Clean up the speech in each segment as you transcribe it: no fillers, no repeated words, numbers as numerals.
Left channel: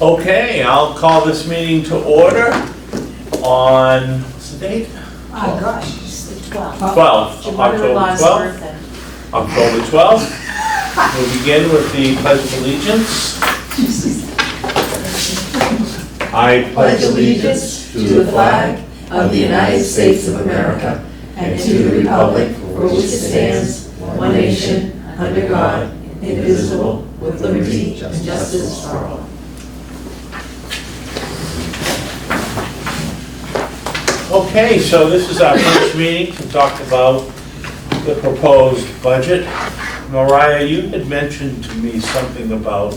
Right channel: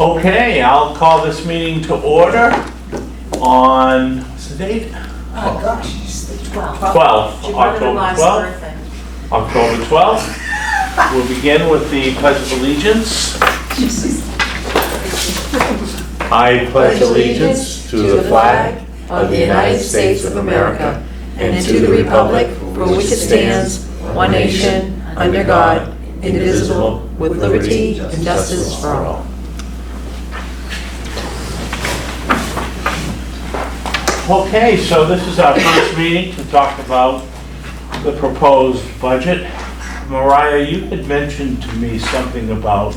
Okay, I'll call this meeting to order on, what's the date? Oh gosh, it's the 12th. 12th, Your October mother-in-law's 12th. birthday. October 12th. We'll begin with the Pledge of Allegiance. I pledge allegiance to the flag of the United States of America and to the republic for which it stands, one nation, under God, indivisible, with liberty and justice for all. Okay, so this is our first meeting to talk about the proposed budget. Mariah, you had mentioned to me something about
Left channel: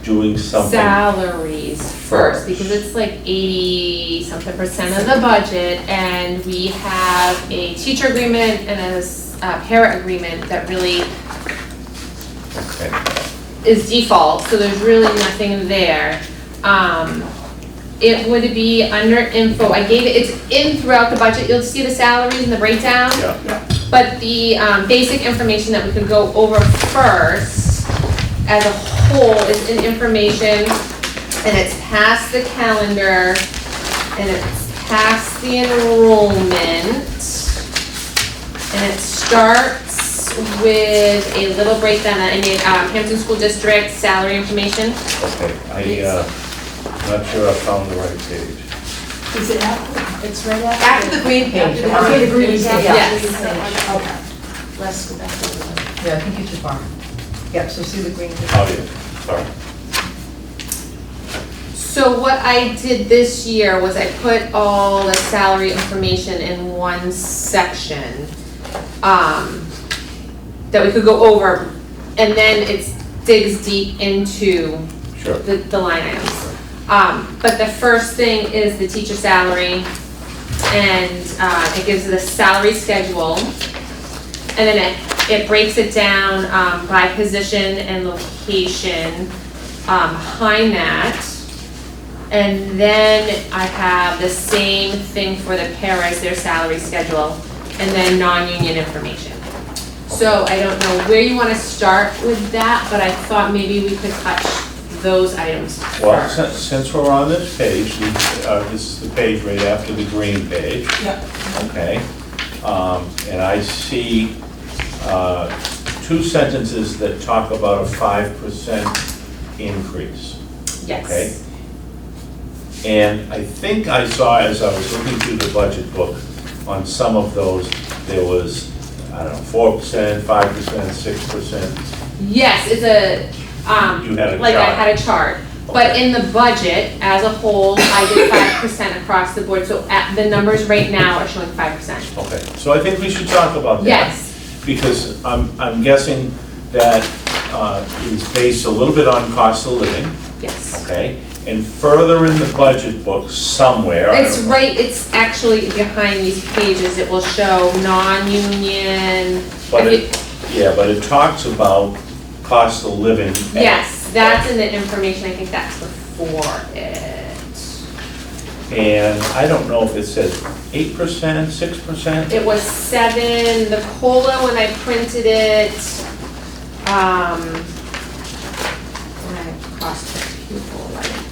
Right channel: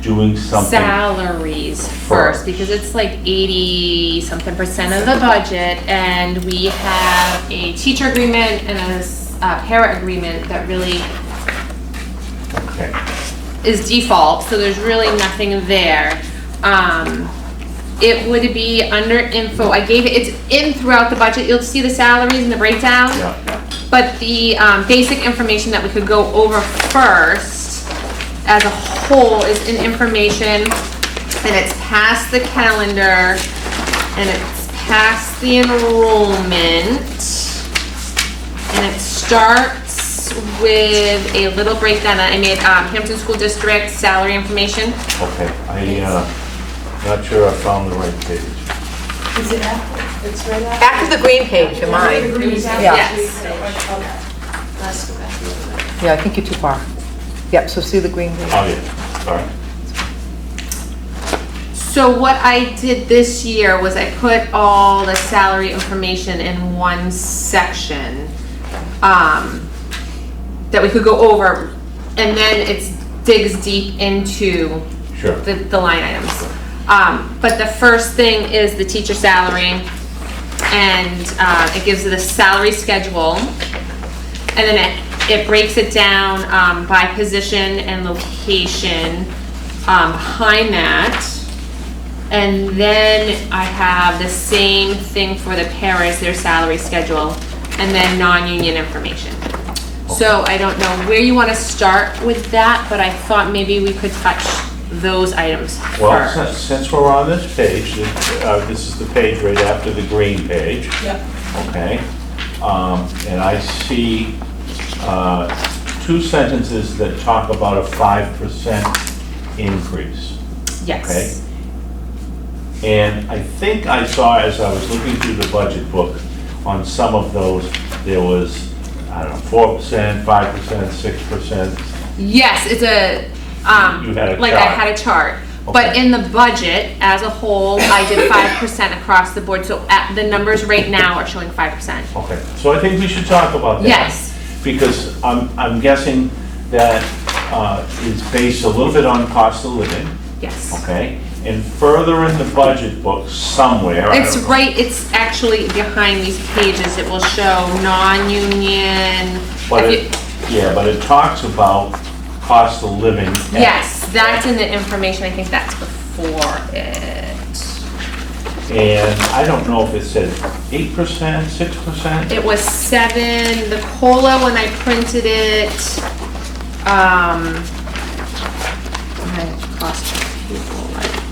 doing something. Salaries first, because it's like 80-something% of the budget, and we have a teacher agreement and a para agreement that really Okay. is default, so there's really nothing there. It would be under info, I gave it, it's in throughout the budget, you'll see the salaries and the breakdown. Yeah. But the basic information that we could go over first as a whole is in information, and it's past the calendar, and it's past the enrollment, and it starts with a little breakdown. I made Hampton School District salary information. Okay, not sure I found the right page. Is it after? It's right after? After the green page, am I? After the green page. Yes. Okay. Let's go back to the. Yeah, I think you're too far. Yep, so see the green page. Oh, yeah, sorry. So what I did this year was I put all the salary information in one section that we could go over, and then it digs deep into Sure. the line items. But the first thing is the teacher salary, and it gives the salary schedule, and then it breaks it down by position and location behind that. And then I have the same thing for the paras, their salary schedule, and then non-union information. So I don't know where you want to start with that, but I thought maybe we could touch those items Well, first. since we're on this page, this is the page right after the green page. Yep. Okay, and I see two sentences that talk about a 5% increase. Yes. Okay. And I think I saw, as I was looking through the budget book, on some of those, there was, I don't know, 4%, 5%, 6%. Yes, it's a, You had a like I chart. had a chart. But Okay. in the budget as a whole, I did 5% across the board, so the numbers right now are showing 5%. Okay, so I think we should talk about that. Yes. Because I'm guessing that is based a little bit on cost of living, Yes. okay? And further in the budget book somewhere. I It's don't know. right, it's actually behind these pages, it will show non-union. But if it, yeah, but it talks about cost of living. Yes, that's in the information, I think that's before it. And I don't know if it said 8%, 6%? It was 7, the COLA when I printed it, cost per pupil, right?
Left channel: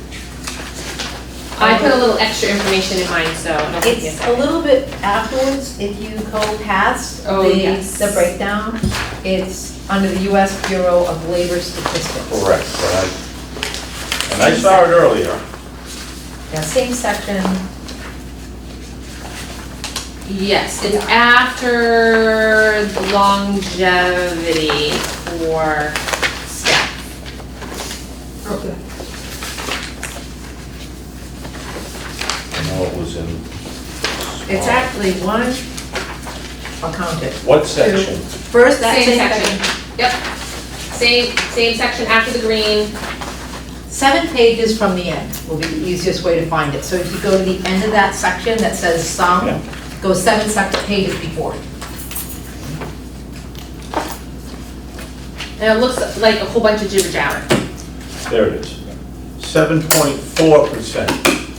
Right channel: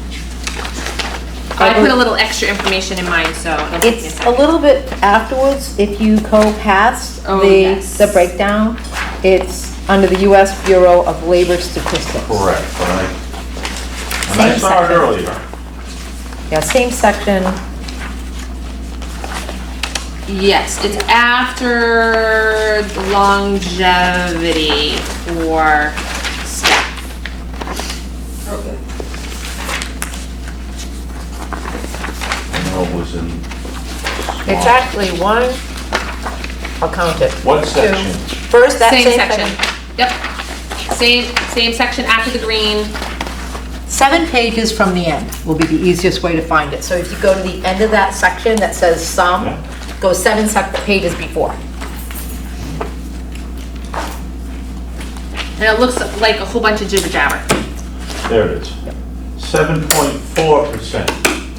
I put a little extra information in mine, so it'll take me a It's a second. little bit afterwards, if you go past Oh, the yes. breakdown, it's under the US Bureau of Labor Statistics. Correct, right? And I saw it earlier. Yeah, same section. Yes, it's after longevity for staff. Okay. I know it was in. small- It's actually one, I'll count it. What section? First, that Same same section. section. Yep. Same section after the green. 7 pages from the end will be the easiest way to find it. So if you go to the end of that section that says sum, Yeah. go 7 pages before. And it looks like a whole bunch of jibber jabber. There it is. 7.4%,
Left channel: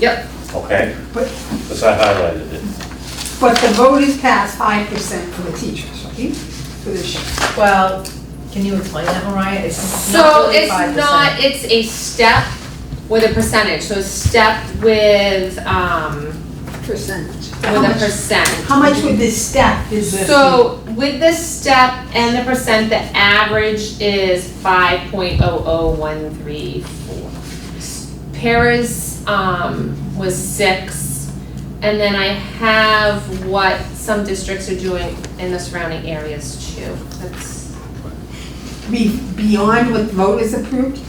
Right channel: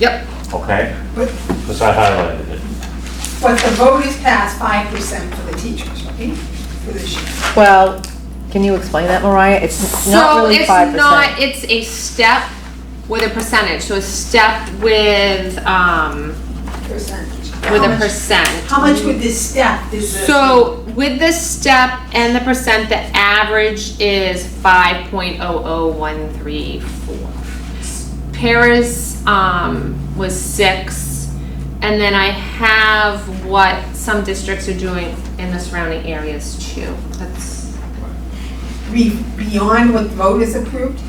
Yep. okay? But, Because I highlighted it. but the vote is passed 5% for the teachers, right? For this year. Well, Can you explain that, Mariah? It's not So really it's 5%. not, it's a step with a percentage, so a step with, Percentage. with a percent. How much would this step is this? So with the step and the percent, the average is 5.00134. Paras, was 6, and then I have what some districts are doing in the surrounding areas too. That's, Beyond what voters approved?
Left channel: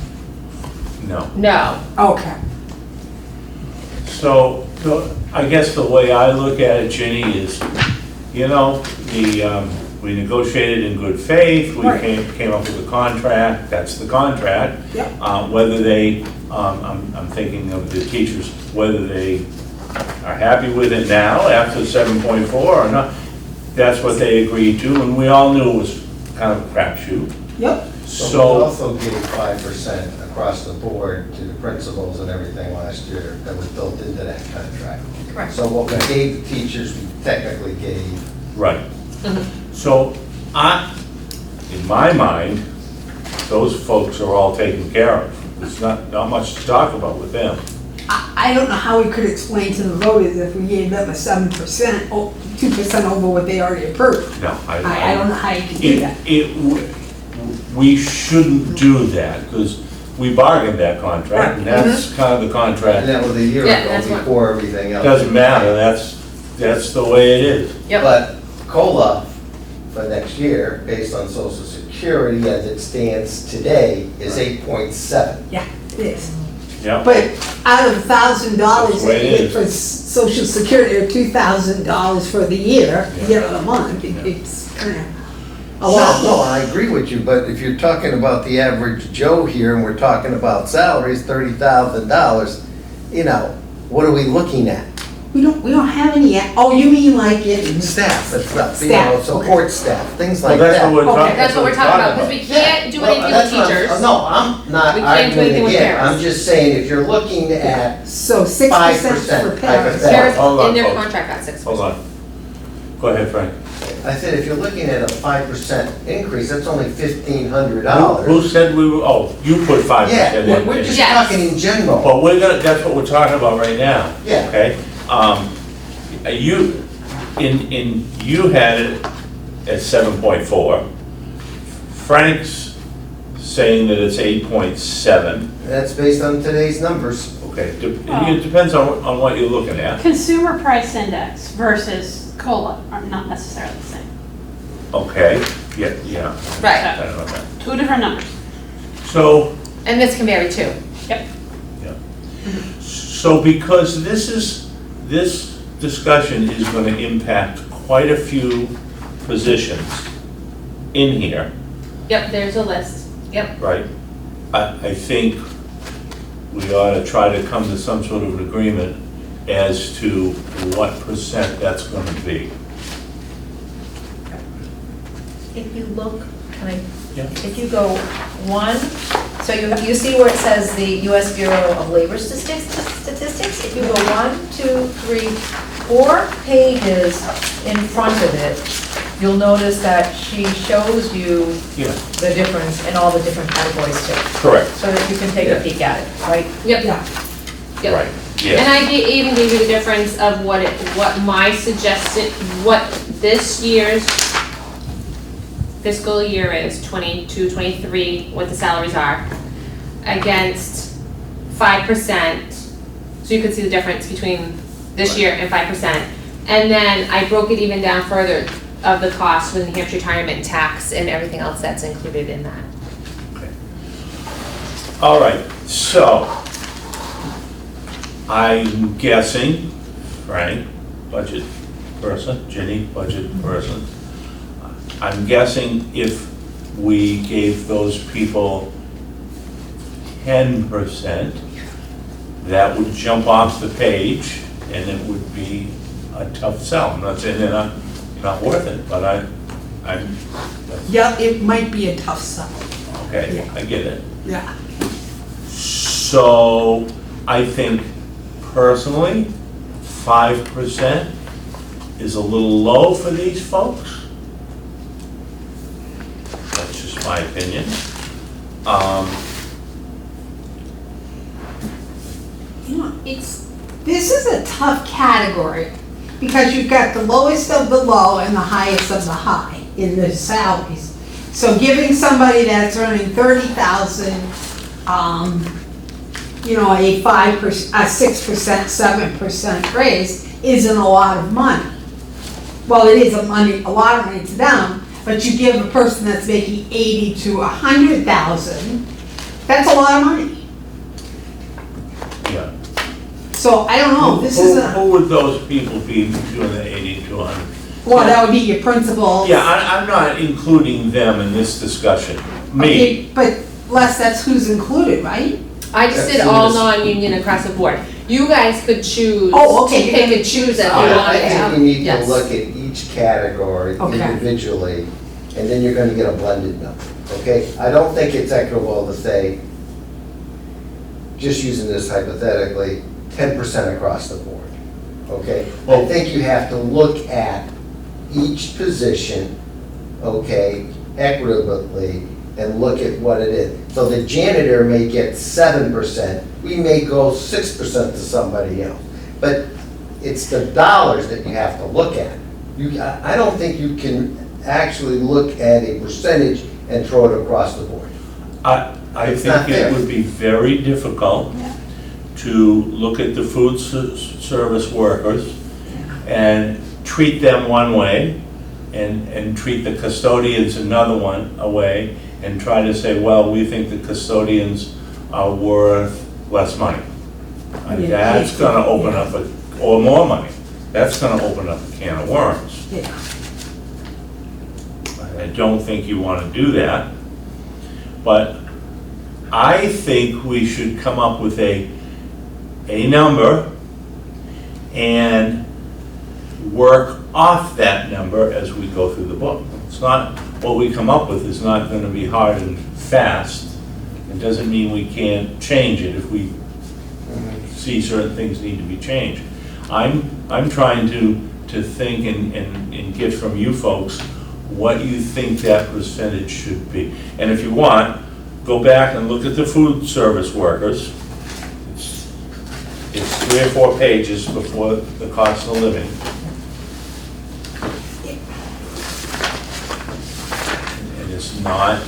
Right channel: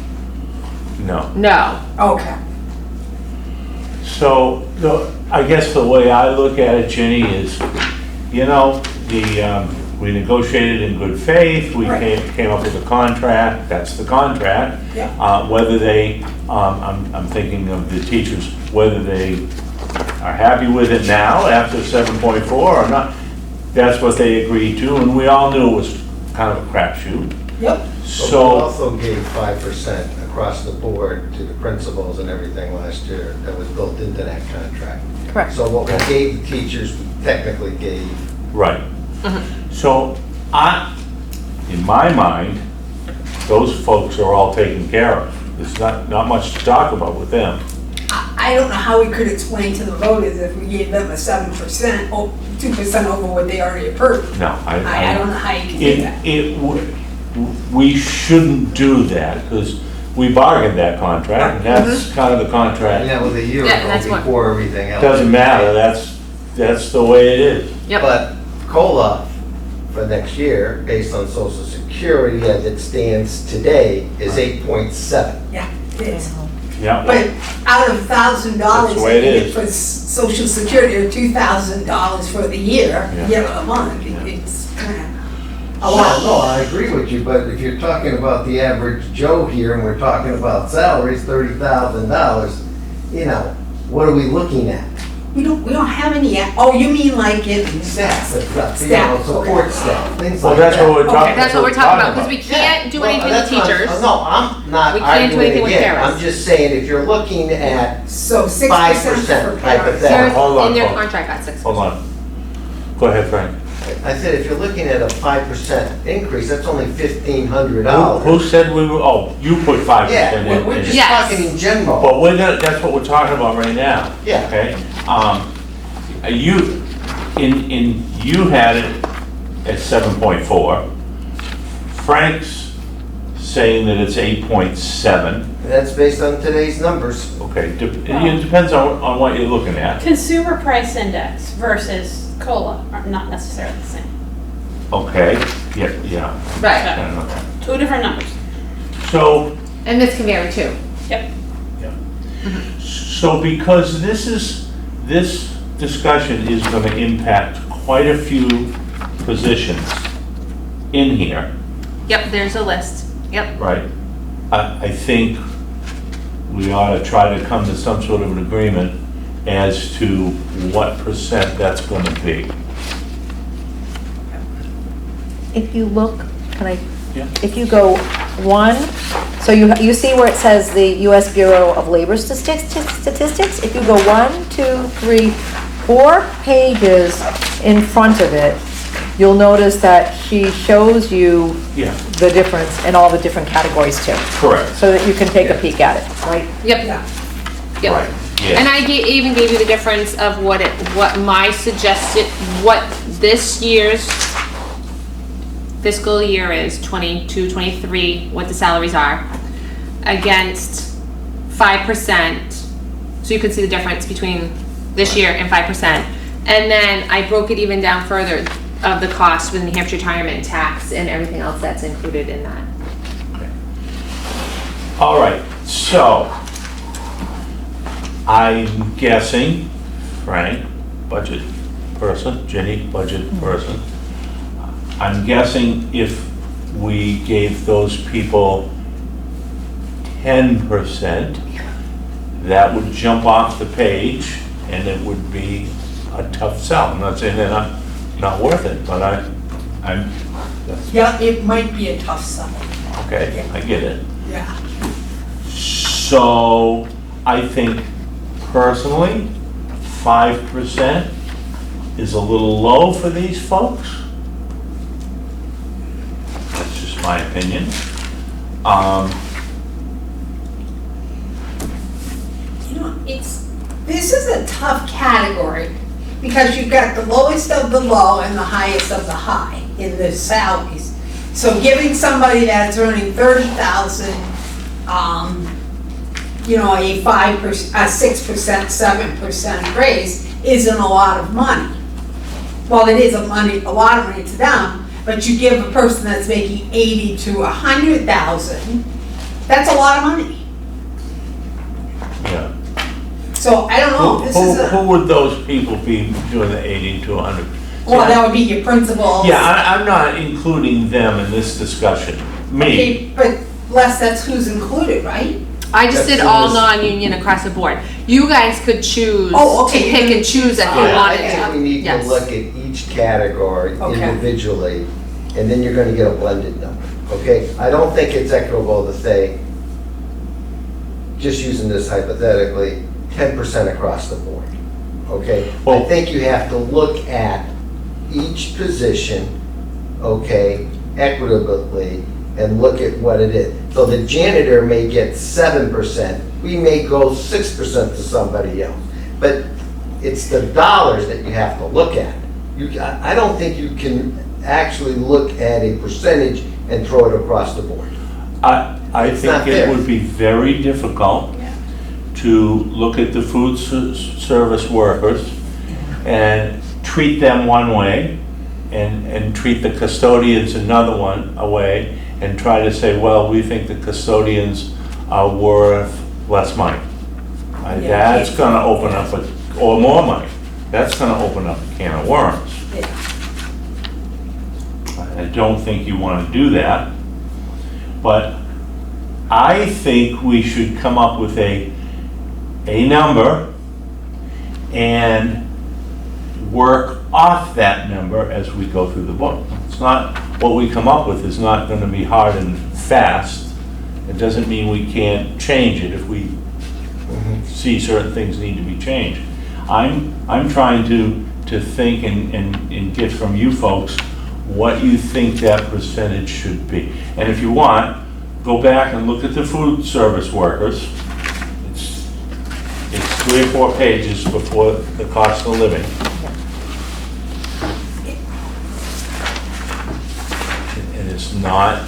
No. no, Okay. So, I guess the way I look at it, Ginny, is, you know, we negotiated in good faith, we Right. came up with a contract, that's the contract. Yeah. Whether they, I'm thinking of the teachers, whether they are happy with it now after 7.4 or not, that's what they agreed to, and we all knew it was kind of a crapshoot. Yep. But we So, also gave 5% across the board to the principals and everything last year that was built into that contract. Correct. So what we gave the teachers, we technically gave, right. So, in my mind, those folks are all taken care of. There's not much to talk about with them. I don't know how we could explain to the voters if we gave them a 7%, 2% over what they already approved. No, I don't know how you can do that. We shouldn't do that, because we bargained that contract, and that's kind of the and contract. that was a year Yeah, that's ago what- before everything else. Doesn't matter, that's the way it is. yep. But COLA for next year, based on Social Security as it stands today, is 8.7. Yeah, it is. Yep. But out of $1,000 That's the that way you it get is. for Social Security, or $2,000 for the year, Yeah. a month, it's kind of a No, lot. no, I agree with you, but if you're talking about the average Joe here, and we're talking about salaries, $30,000, you know, what are we looking at? We don't have any yet. Oh, you mean like in Staff, that's stuff, you know, Staff, support staff, things Well, like that's that. what we're talking, Okay. That's what we're talking about, because we can't do Well, anything with that's not- teachers. No, I'm not We can't do arguing anything with again, paras. I'm just saying, if you're looking at, So 6% 5% for type of parents. thing. Paras Hold on, in their folks. contract got 6%. hold on. Go ahead, Frank. I said, if you're looking at a 5% increase, that's only Who $1,500. said we were, oh, you put 5% Yeah, in. we're just Yes. talking in general. But that's what we're talking about right now. Yeah. Okay? You had it at 7.4. Frank's saying that it's 8.7. That's based on today's numbers. Okay, it depends on what you're looking at. Consumer price index versus COLA are not necessarily the same. Okay, yeah. Right, Okay. Two different numbers. So, and this can vary too. Yep. so because this discussion is gonna impact quite a few positions in here, Yep, there's a list, yep. right? I think we ought to try to come to some sort of an agreement as to what percent that's gonna be. If you look, can I, Yeah. if you go 1, so you see where it says the US Bureau of Labor Statistics? If you go 1, 2, 3, 4 pages in front of it, you'll notice that she shows you Yeah, the difference in all the different categories too, correct, so that you can take a Yeah. peek at it, right? Yep, Yeah. yep. right, And yeah, I even gave you the difference of what my suggested, what this year's fiscal year is, 22, 23, what the salaries are, against 5%. So you could see the difference between this year and 5%. And then I broke it even down further of the cost with the New Hampshire retirement tax and everything else that's included in that. all right, so, I'm guessing, Frank, budget person, Jenny, budget person, I'm guessing if we gave those people 10%, that would jump off the page, and it would be a tough sell. I'm not saying they're not worth it, but I'm, Yeah, it might be a tough sell. okay, I get it. Yeah. So, I think personally, 5% is a little low for these folks. That's just my opinion. You know, this is a tough category, because you've got the lowest of the low and the highest of the high in the salaries. So giving somebody that's earning 30,000, you know, a 5%, a 6%, 7% raise isn't a lot of money. Well, it is a lot of money to them, but you give a person that's making 80 to 100,000, that's a lot of money. Yeah. So I don't know, this is a, Who would those people be doing the 80 to 100? well, that would be your principal. Yeah, I'm not including them in this discussion. Me. Okay, but Les, that's who's included, right? I just did That's all in this- non-union across the board. You guys could choose Oh, to okay, pick and choose if you Yeah, wanted I to. think we need to Yes. look at each category Okay. individually, and then you're gonna get a blended number, okay? I don't think it's equitable to say, just using this hypothetically, 10% across the board, okay? I Well- think you have to look at each position, okay, equitably, and look at what it is. So the janitor may get 7%, we may go 6% to somebody else. But it's the dollars that you have to look at. I don't think you can actually look at a percentage and throw it across the board. I It's think not it fair. would be very difficult Yeah. to look at the food service workers and treat them one way and treat the custodians another one away and try to say, well, we think the custodians are worth less money. Yeah. That's gonna open up, or more money. That's gonna open up a can of worms. Yeah. I don't think you want to do that, but I think we should come up with a number and work off that number as we go through the book. It's not, what we come up with is not going to be hard and fast. It doesn't mean we can't change it if we see certain things need to be changed. I'm trying to think and get from you folks what you think that percentage should be. And if you want, go back and look at the food service workers. It's 3 or 4 pages before the cost of living. And it's not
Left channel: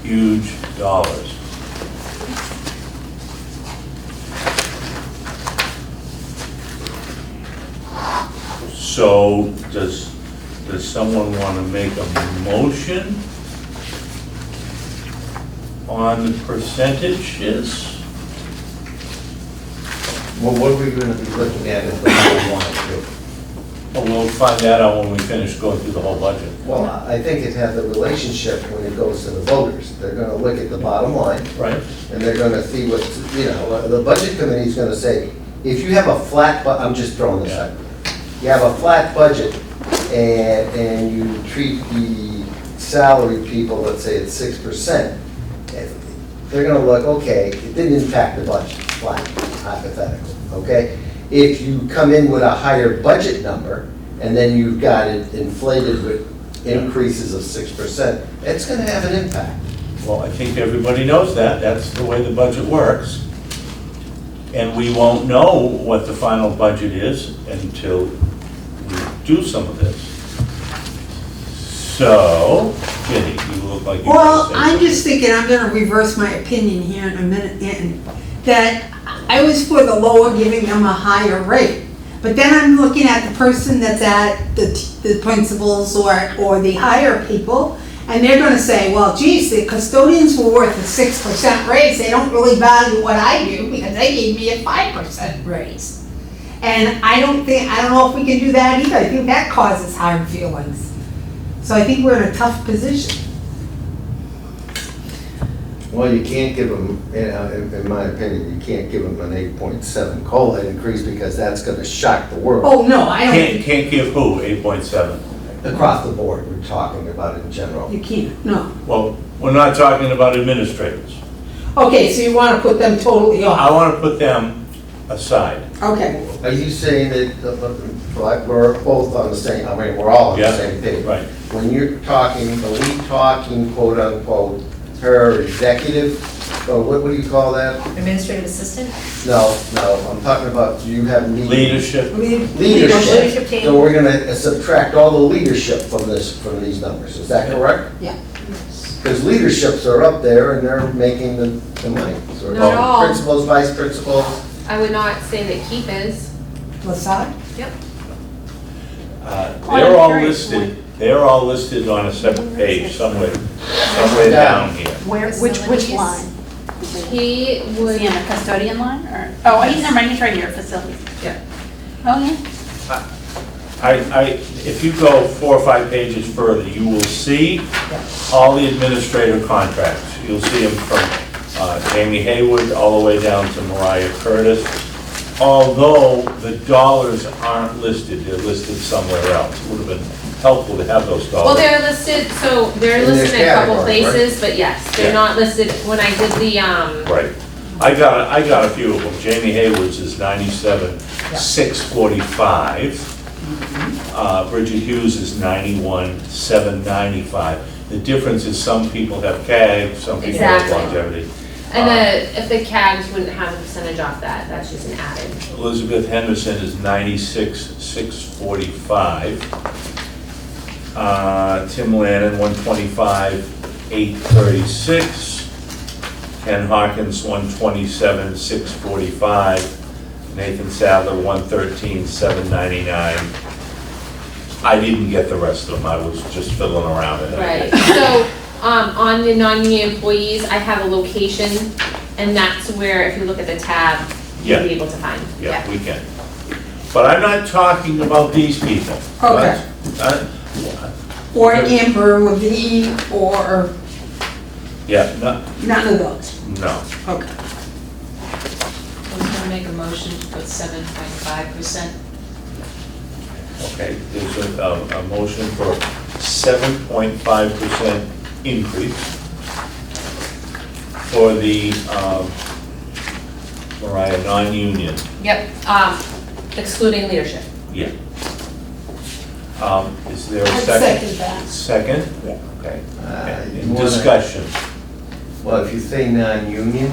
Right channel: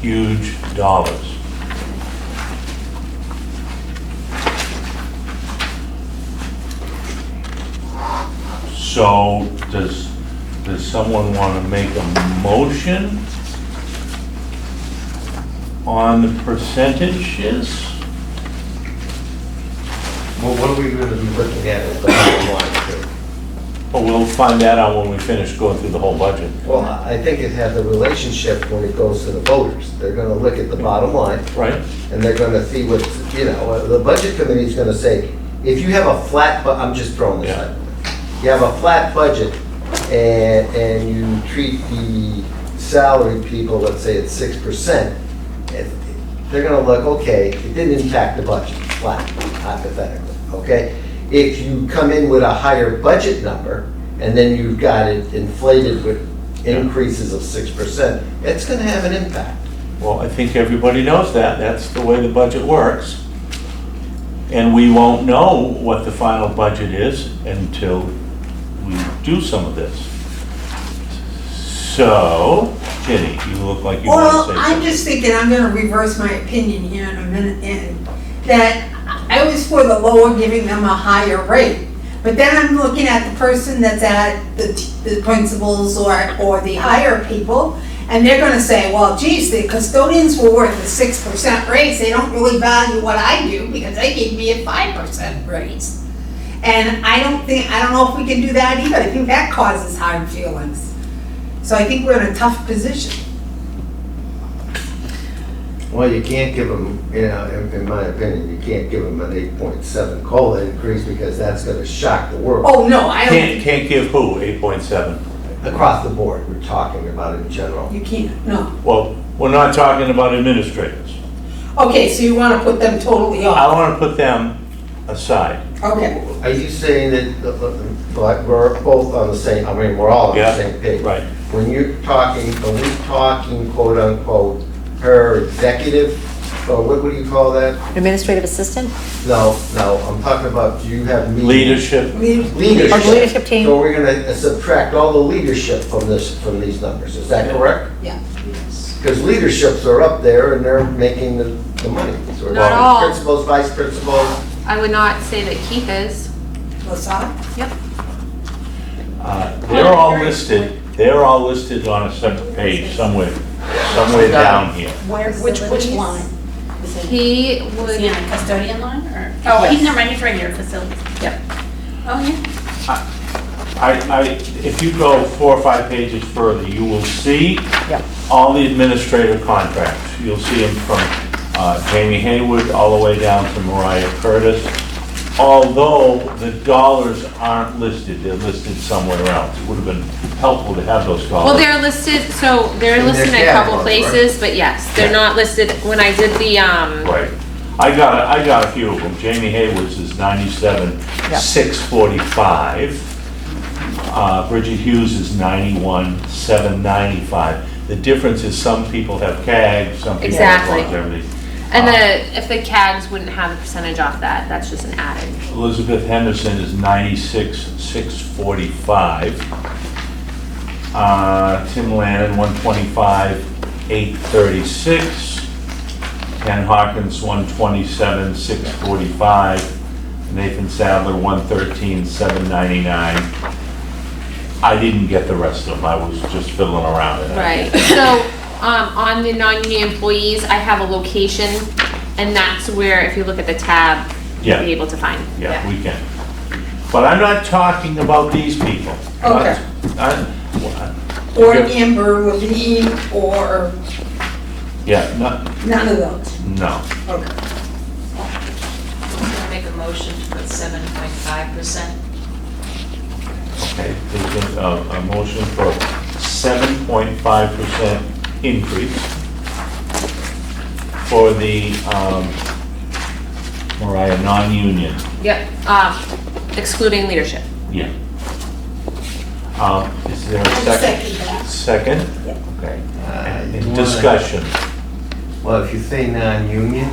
huge dollars. So does someone want to make a motion on the percentages? Well, what are we gonna be looking at the bottom line too? Well, we'll find that out when we finish going through the whole budget. Well, I think it has a relationship when it goes to the voters. They're gonna look at the bottom line, Right? and they're gonna see what, the budget committee's gonna say, if you have a flat, I'm just throwing this out. You have a flat budget, and you treat the salary people, let's say at 6%, they're gonna look, okay, it didn't impact the budget, flat, hypothetically, okay? If you come in with a higher budget number, and then you've got it inflated with increases of 6%, it's gonna have an impact. Well, I think everybody knows that. That's the way the budget works. And we won't know what the final budget is until we do some of this. So, Jenny, you look like you want Well, to say I'm something. just thinking, I'm gonna reverse my opinion here in a minute, and that I was for the lower, giving them a higher rate. But then I'm looking at the person that's at the principals or the higher people, and they're gonna say, well, geez, the custodians were worth a 6% raise, they don't really value what I do because they gave me a 5% raise. And I don't know if we can do that either, I think that causes hard feelings. So I think we're in a tough position. Well, you can't give them, in my opinion, you can't give them an 8.7 COLA increase because that's gonna shock the world. Oh, no, I don't think. Can't give who, 8.7? Across the board, we're talking about in general. You can't, no. Well, we're not talking about administrators. Okay, so you wanna put them totally I off? want to put them aside. Okay, Are you saying that we're both on the same, I mean, we're all on the Yeah, same page? right. when you're talking, are we talking quote unquote, her executive, or what do you call that? Administrative assistant? No, I'm talking about, you have Leadership. Leadership. Our leadership team. So we're gonna subtract all the leadership from these numbers, is that correct? Yeah. Because leaderships are up there and they're making the money. So Not all. Principals, vice principals, I would not say that Keith is. LaSalle? They're all listed on a separate page somewhere down here. Which line? He Is would, he in the custodian line, or, oh, he's, never mind, he's right here, facilities. Yep. Oh, yeah. If you go 4 or 5 pages further, you will see Yep. all the administrative contracts. You'll see them from Jamie Haywood all the way down to Mariah Curtis. Although the dollars aren't listed, they're listed somewhere else. Would have been helpful to have those dollars. well, they're listed, so they're And there's listed in a couple categories, right? places, but yes, they're Yeah. not listed, when I did the, Right. I got a few of them. Jamie Hayward's is 97, Yeah. 645. Bridget Hughes is 91, 795. The difference is some people have CAG, some people have Exactly. longevity. and if the CAGs wouldn't have a percentage off that, that's just an added. Elizabeth Henderson is 96, 645. Tim Lannon, 125, 836. Ken Hawkins, 127, 645. Nathan Sadler, 113, 799. I didn't get the rest of them, I was just fiddling around with it. Right, so, on the non-union employees, I have a location, and that's where, if you look at the tab, you'll Yeah. be able to find. Yeah, we can. But I'm not talking about these people. Okay. Or Yeah. Amber Levine, or Yeah, no, none of those. no. Okay. Who's gonna make a motion to put 7.5%? Okay, there's a motion for 7.5% increase for the, Mariah, non-union. Yep, excluding leadership. Yeah. Is there a I'd second? second that. Second? Yeah. Okay. you In wanna- discussion. well, if you say non-union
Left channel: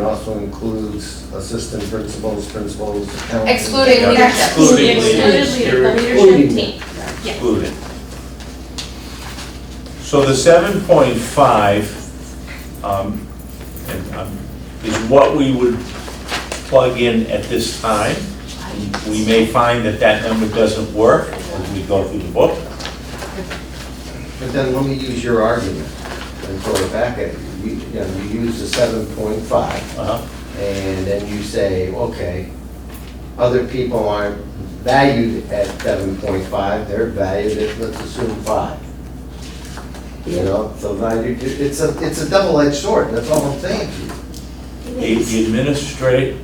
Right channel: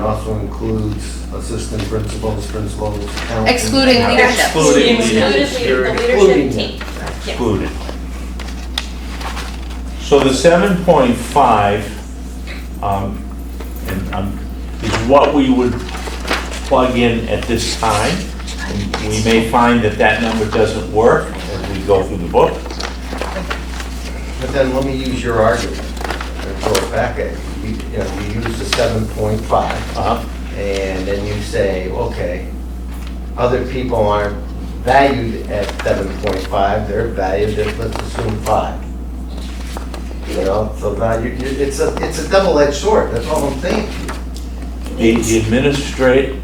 also includes assistant principals, accountants. Excluding and- leadership. Excluding Excluding leadership. the Excluding leadership them. team. Yes. Excluding. So the 7.5 is what we would plug in at this time. We may find that that number doesn't work as we go through the book. But then let me use your argument and throw it back at you. You use the 7.5. Uh-huh. And then you say, okay, other people aren't valued at 7.5, they're valued at, let's assume 5. You know, so now it's a double-edged sword, that's all I'm saying to you. The administrate,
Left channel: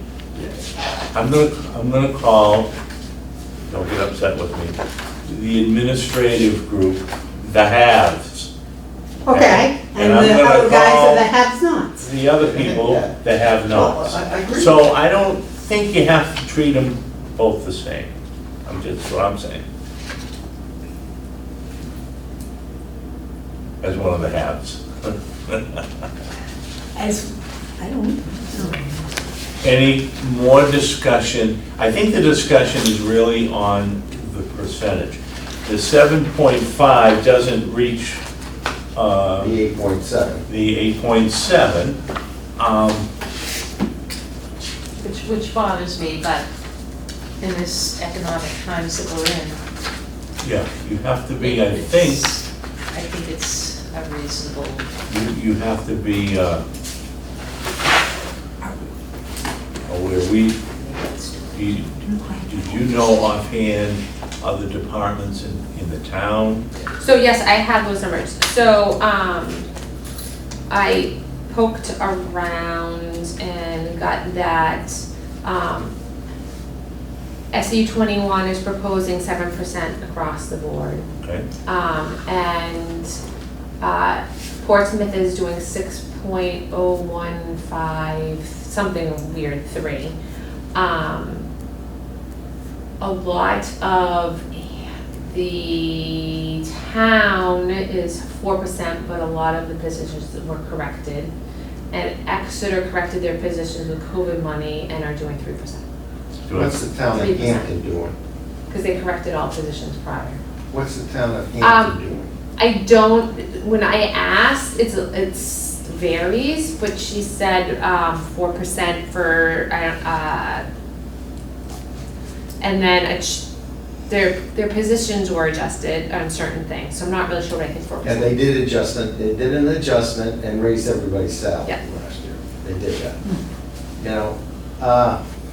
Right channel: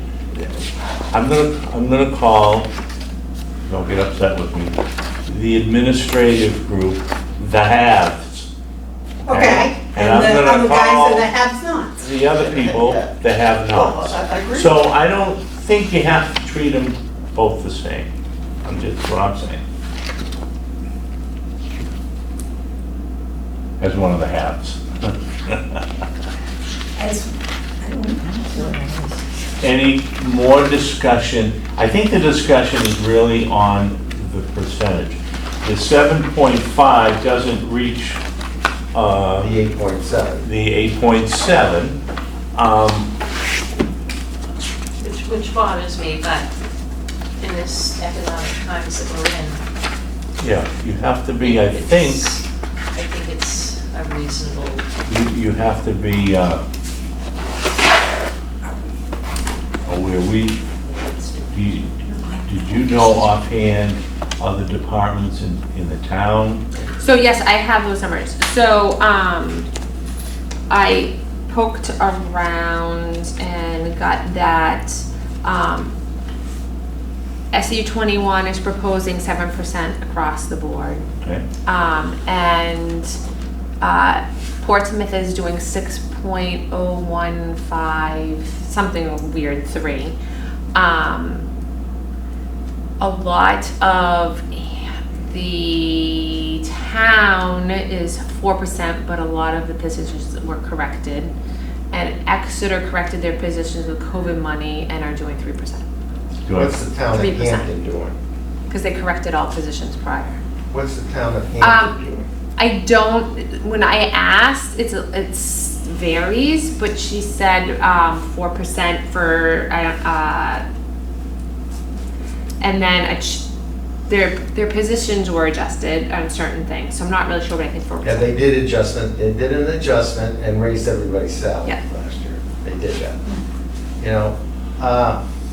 I'm gonna call, don't get upset with me, the administrative group, the haves. Okay, And and I'm the gonna other guys call- are the have-nots. The other people, the have-nots. Well, I agree. So I don't think you have to treat them both the same. I'm just, what I'm saying. As one of the haves. As, I don't know. Any more discussion? I think the discussion is really on the percentage. The 7.5 doesn't reach The 8.7. the 8.7. Which bothers me, but in this economic times that we're in. Yeah, you have to be, I think, I think it's a reasonable, you have to be, aware, did you know offhand other departments in the town? So yes, I have those numbers. So, I poked around and got that, SU 21 is proposing 7% across the board. Okay, And Portsmouth is doing 6.015, something weird, 3. A lot of The town is 4%, but a lot of the positions were corrected. And Exeter corrected their positions with COVID money and are doing 3%. What's the town of 3%. Hampton doing? Because they corrected all positions prior. What's the town of Hampton doing? I don't, when I asked, it's varies, but she said 4% for, and then their positions were adjusted on certain things, so I'm not really sure what I think 4%. Yeah, they did an adjustment and raised everybody's salary Yeah. last year. They did that. You know,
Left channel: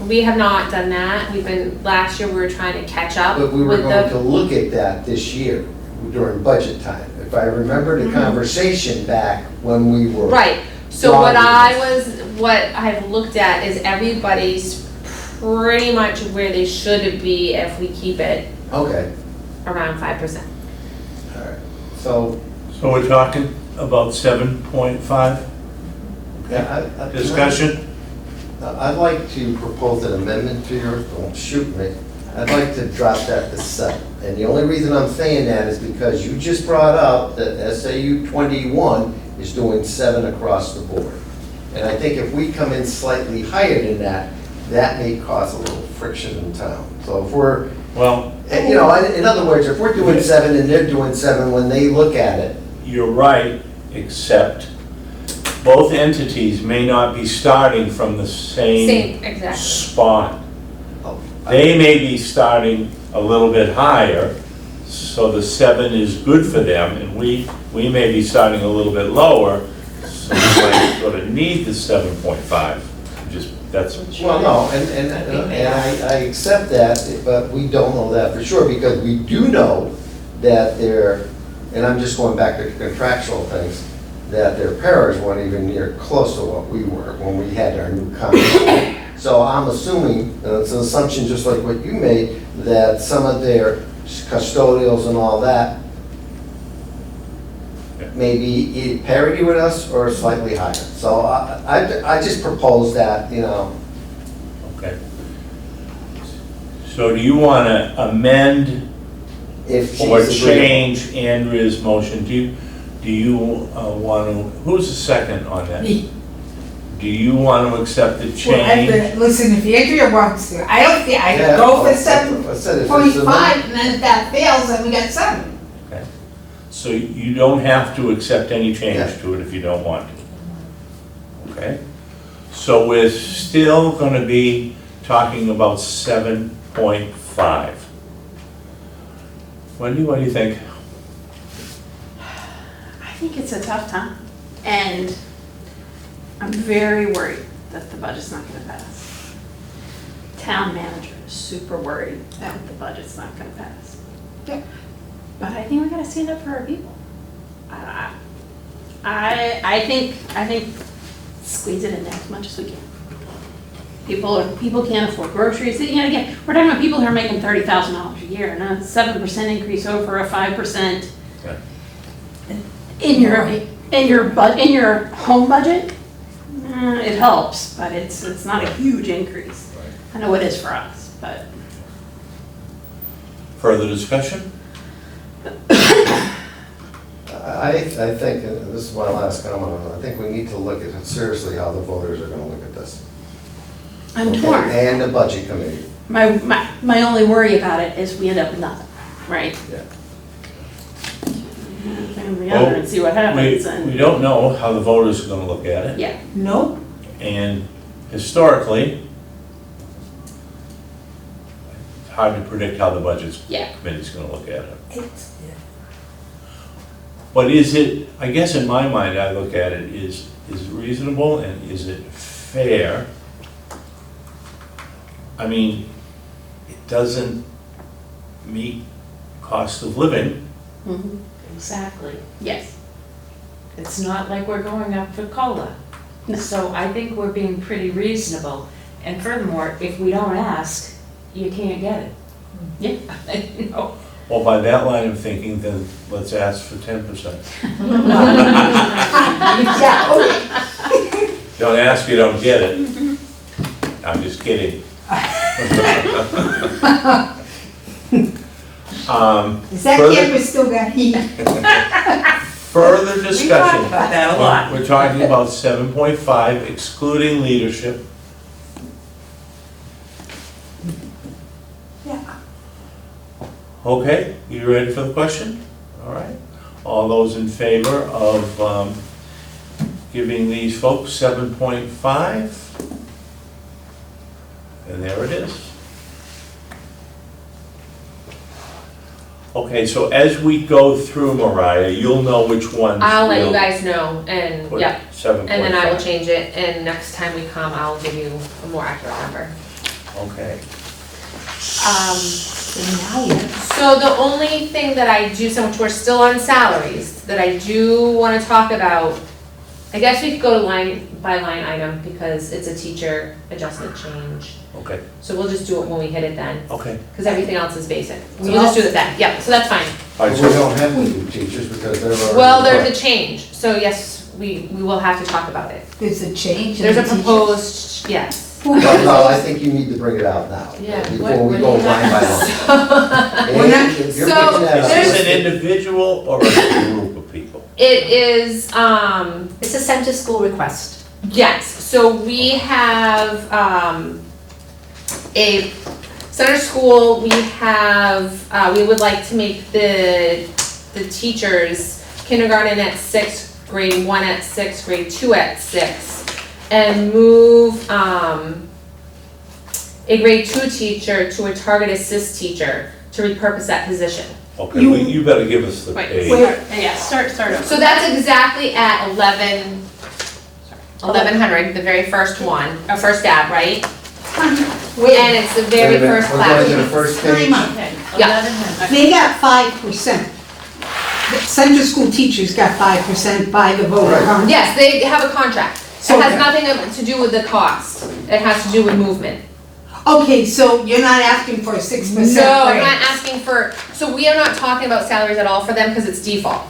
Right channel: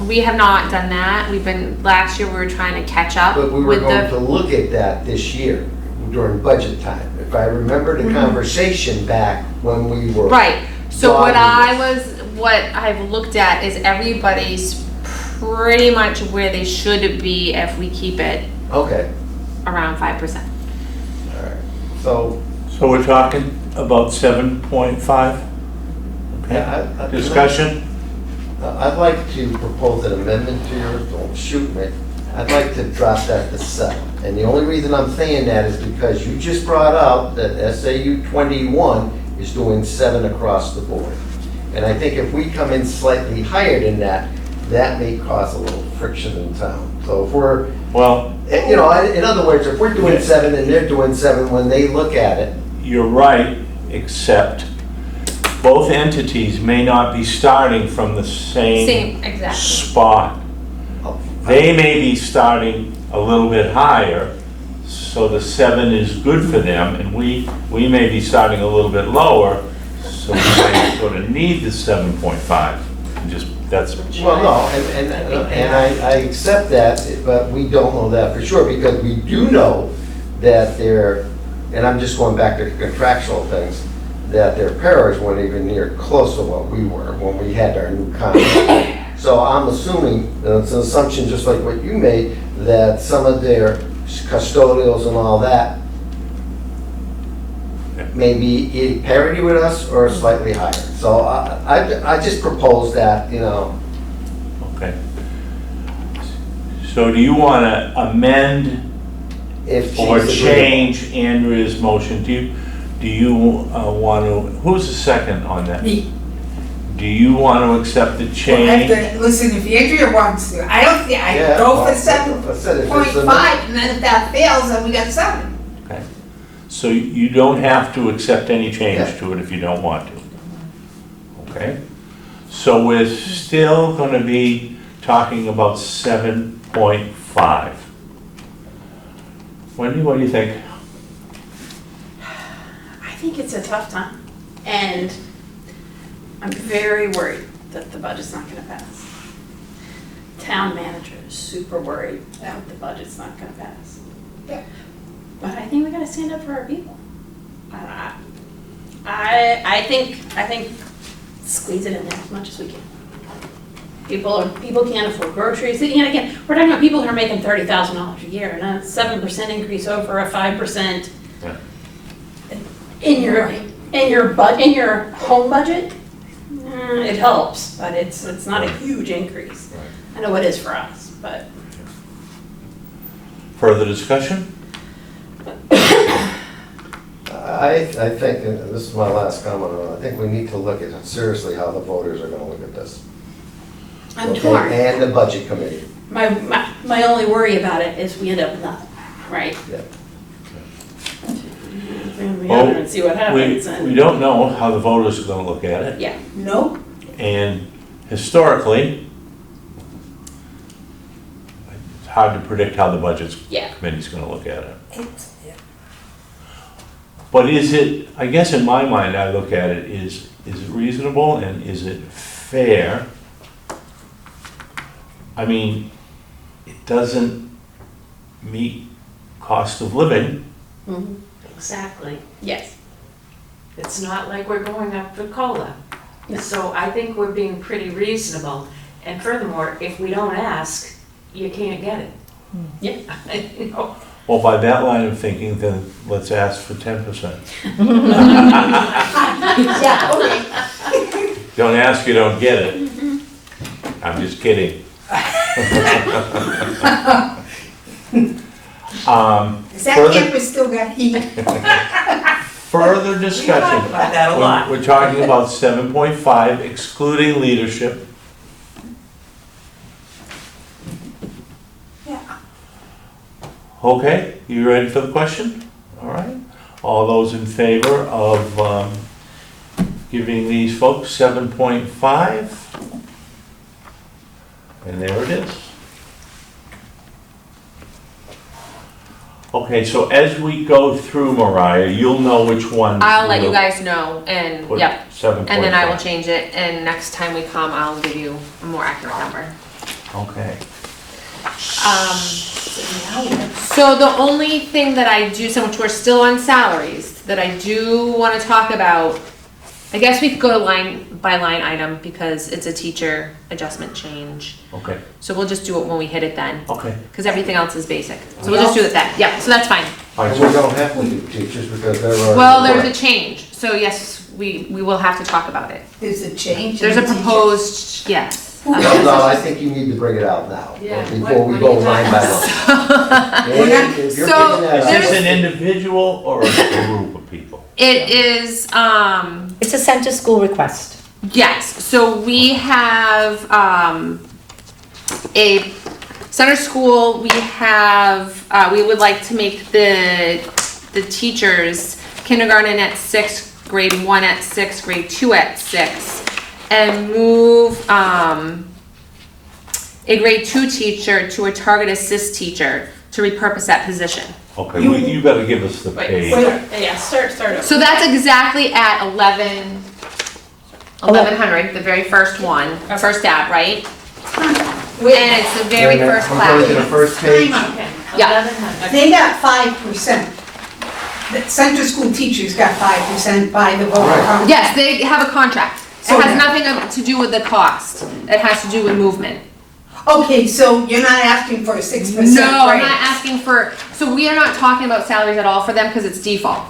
We have not done that. Last year we were trying to catch up but we were with going to the, look at that this year during budget time. If I remember the conversation back when we were. right. So what Driving what I've looked at is everybody's pretty much where they should be if we keep it Okay, around 5%. all right. So, So we're talking about 7.5? yeah, Okay, discussion? I'd like to propose an amendment to yours, don't shoot me. I'd like to drop that to 7. And the only reason I'm saying that is because you just brought up that SAU 21 is doing 7 across the board. And I think if we come in slightly higher than that, that may cause a little friction in town. So if we're, Well, you know, in other words, if we're doing 7 and they're doing 7, when they look at it, you're right, except both entities may not be starting from the same Exactly. spot. They may be starting a little bit higher, so the 7 is good for them, and we may be starting a little bit lower, so we might sort of need the 7.5. Just, that's, well, no, and I accept that, but we don't know that for sure, because we do know that their, and I'm just going back to the contractual things, that their paras weren't even near close to what we were when we had our new contract. So I'm assuming, and it's an assumption just like what you made, that some of their custodials and all that may be in parity with us or slightly higher. So I just propose that, you know. okay. So do you want to amend If she's or agreeable. change Andrea's motion? Do you want to, who's the second on that? Me. Do you want to accept the Well, change? listen, if Andrea wants to, I don't think, I Yeah, go well, for I said if it's 7.5, amended- and then if that fails, then we got 7. Okay. So you don't have to accept any Yeah. change to it if you don't want to. Okay? So we're still going to be talking about 7.5. Wendy, what do you think? I think it's a tough time, and I'm very worried that the budget's not gonna pass. Town manager is super worried that the budget's not gonna pass. Yeah. But I think we gotta stand up for our people. I think squeeze it in there as much as we can. People can't afford groceries, you know, again, we're talking about people who are making $30,000 a year, and a 7% increase over a 5%. Right. In your home budget, it helps, but it's not a huge increase. Right. I know it is for us, but. Further discussion? I think, and this is my last comment on it, I think we need to look at seriously how the voters are gonna look at this. I'm Okay? torn. And the budget committee. My only worry about it is we end up with nothing, right? Yeah. And we have and see what happens. We don't know how the voters are going to look at it. Yeah, No? And historically, it's hard to predict how the budget yeah. committee's going to look at it. Yeah. But is it, I guess in my mind, I look at it, is it reasonable and is it fair? I mean, it doesn't meet cost of living. Mhm. Exactly. Yes. It's not like we're going up for COLA. No. So I think we're being pretty reasonable. And furthermore, if we don't ask, you can't get it. Yeah. You know? Well, by that line of thinking, then let's ask for 10%. Yeah, okay. Don't ask, you don't get it. I'm just kidding. Is that Further- camera still got heat? Further discussion. about that a lot. We're talking about 7.5 excluding leadership. Yeah. Okay, you ready for the question? All right. All those in favor of giving these folks 7.5? And there it is. Okay, so as we go through, Mariah, you'll know which ones. I'll let you we'll guys know, and, put yeah, 7.5. and then I will change it, and next time we come, I'll give you a more accurate number. Okay. So the only thing that I do, since we're still on salaries, that I do wanna talk about, I guess we could go to line by line item, because it's a teacher adjustment change. Okay, So we'll just do it when we hit it then, okay. because everything else is basic. So we'll just do it then, yeah, so that's fine. All We right, so don't have to do teachers because they're already. Well, there's a change, so yes, we will have to talk about it. There's a change. in There's a the teacher. proposed, yes. No, I think you need to bring it out now, Yeah, before we what go do you line by line. Well, yeah, If you're so bringing that is up- this an individual or a group of people? It is, It's a center school request. yes, so we have, a center school, we have, we would like to make the teachers kindergarten at 6, grade 1 at 6, grade 2 at 6, and move, a grade 2 teacher to a target assist teacher to repurpose that position. Okay, well, you better give us the page. Start over. So that's exactly at 1100, the very first one, first stab, right? Wait, And it's the Wait a very minute, first we're going to the class. first page. time out. Okay, Yeah. 1100. They got 5%. The center school teachers got 5% by the vote. Right. Yes, they have a contract. It So has the- nothing to do with the cost. It has to do with movement. Okay, so you're not asking for a 6% No, I'm raise? not asking for, so we are not talking about salaries at all for them because it's default.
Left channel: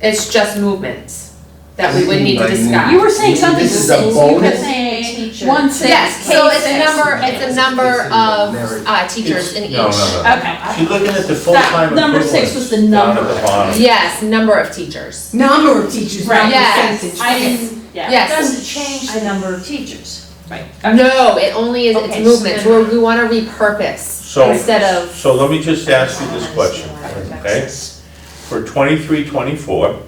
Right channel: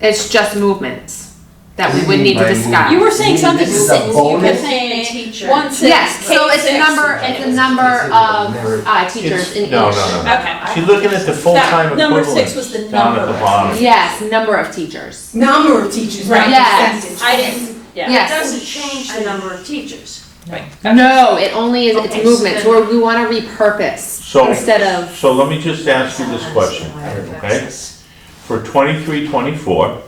It's just movements that we would need to By discuss. You were saying something This is six, a you were bonus? saying Teacher. 1/6. Yes, so it's a K6. number, it's a number of teachers in each. No. Okay. She's looking at the full-time Number equivalents 6 was the down number. at the bottom. Yes, number of teachers. Number of teachers, not Right. Yes. percentage. I didn't, yeah. It Yes. doesn't change the number of teachers. Right. No, it only is, Okay, it's movements. so then- We wanna repurpose So- instead of, So let me just ask you this question, okay? For 23-24,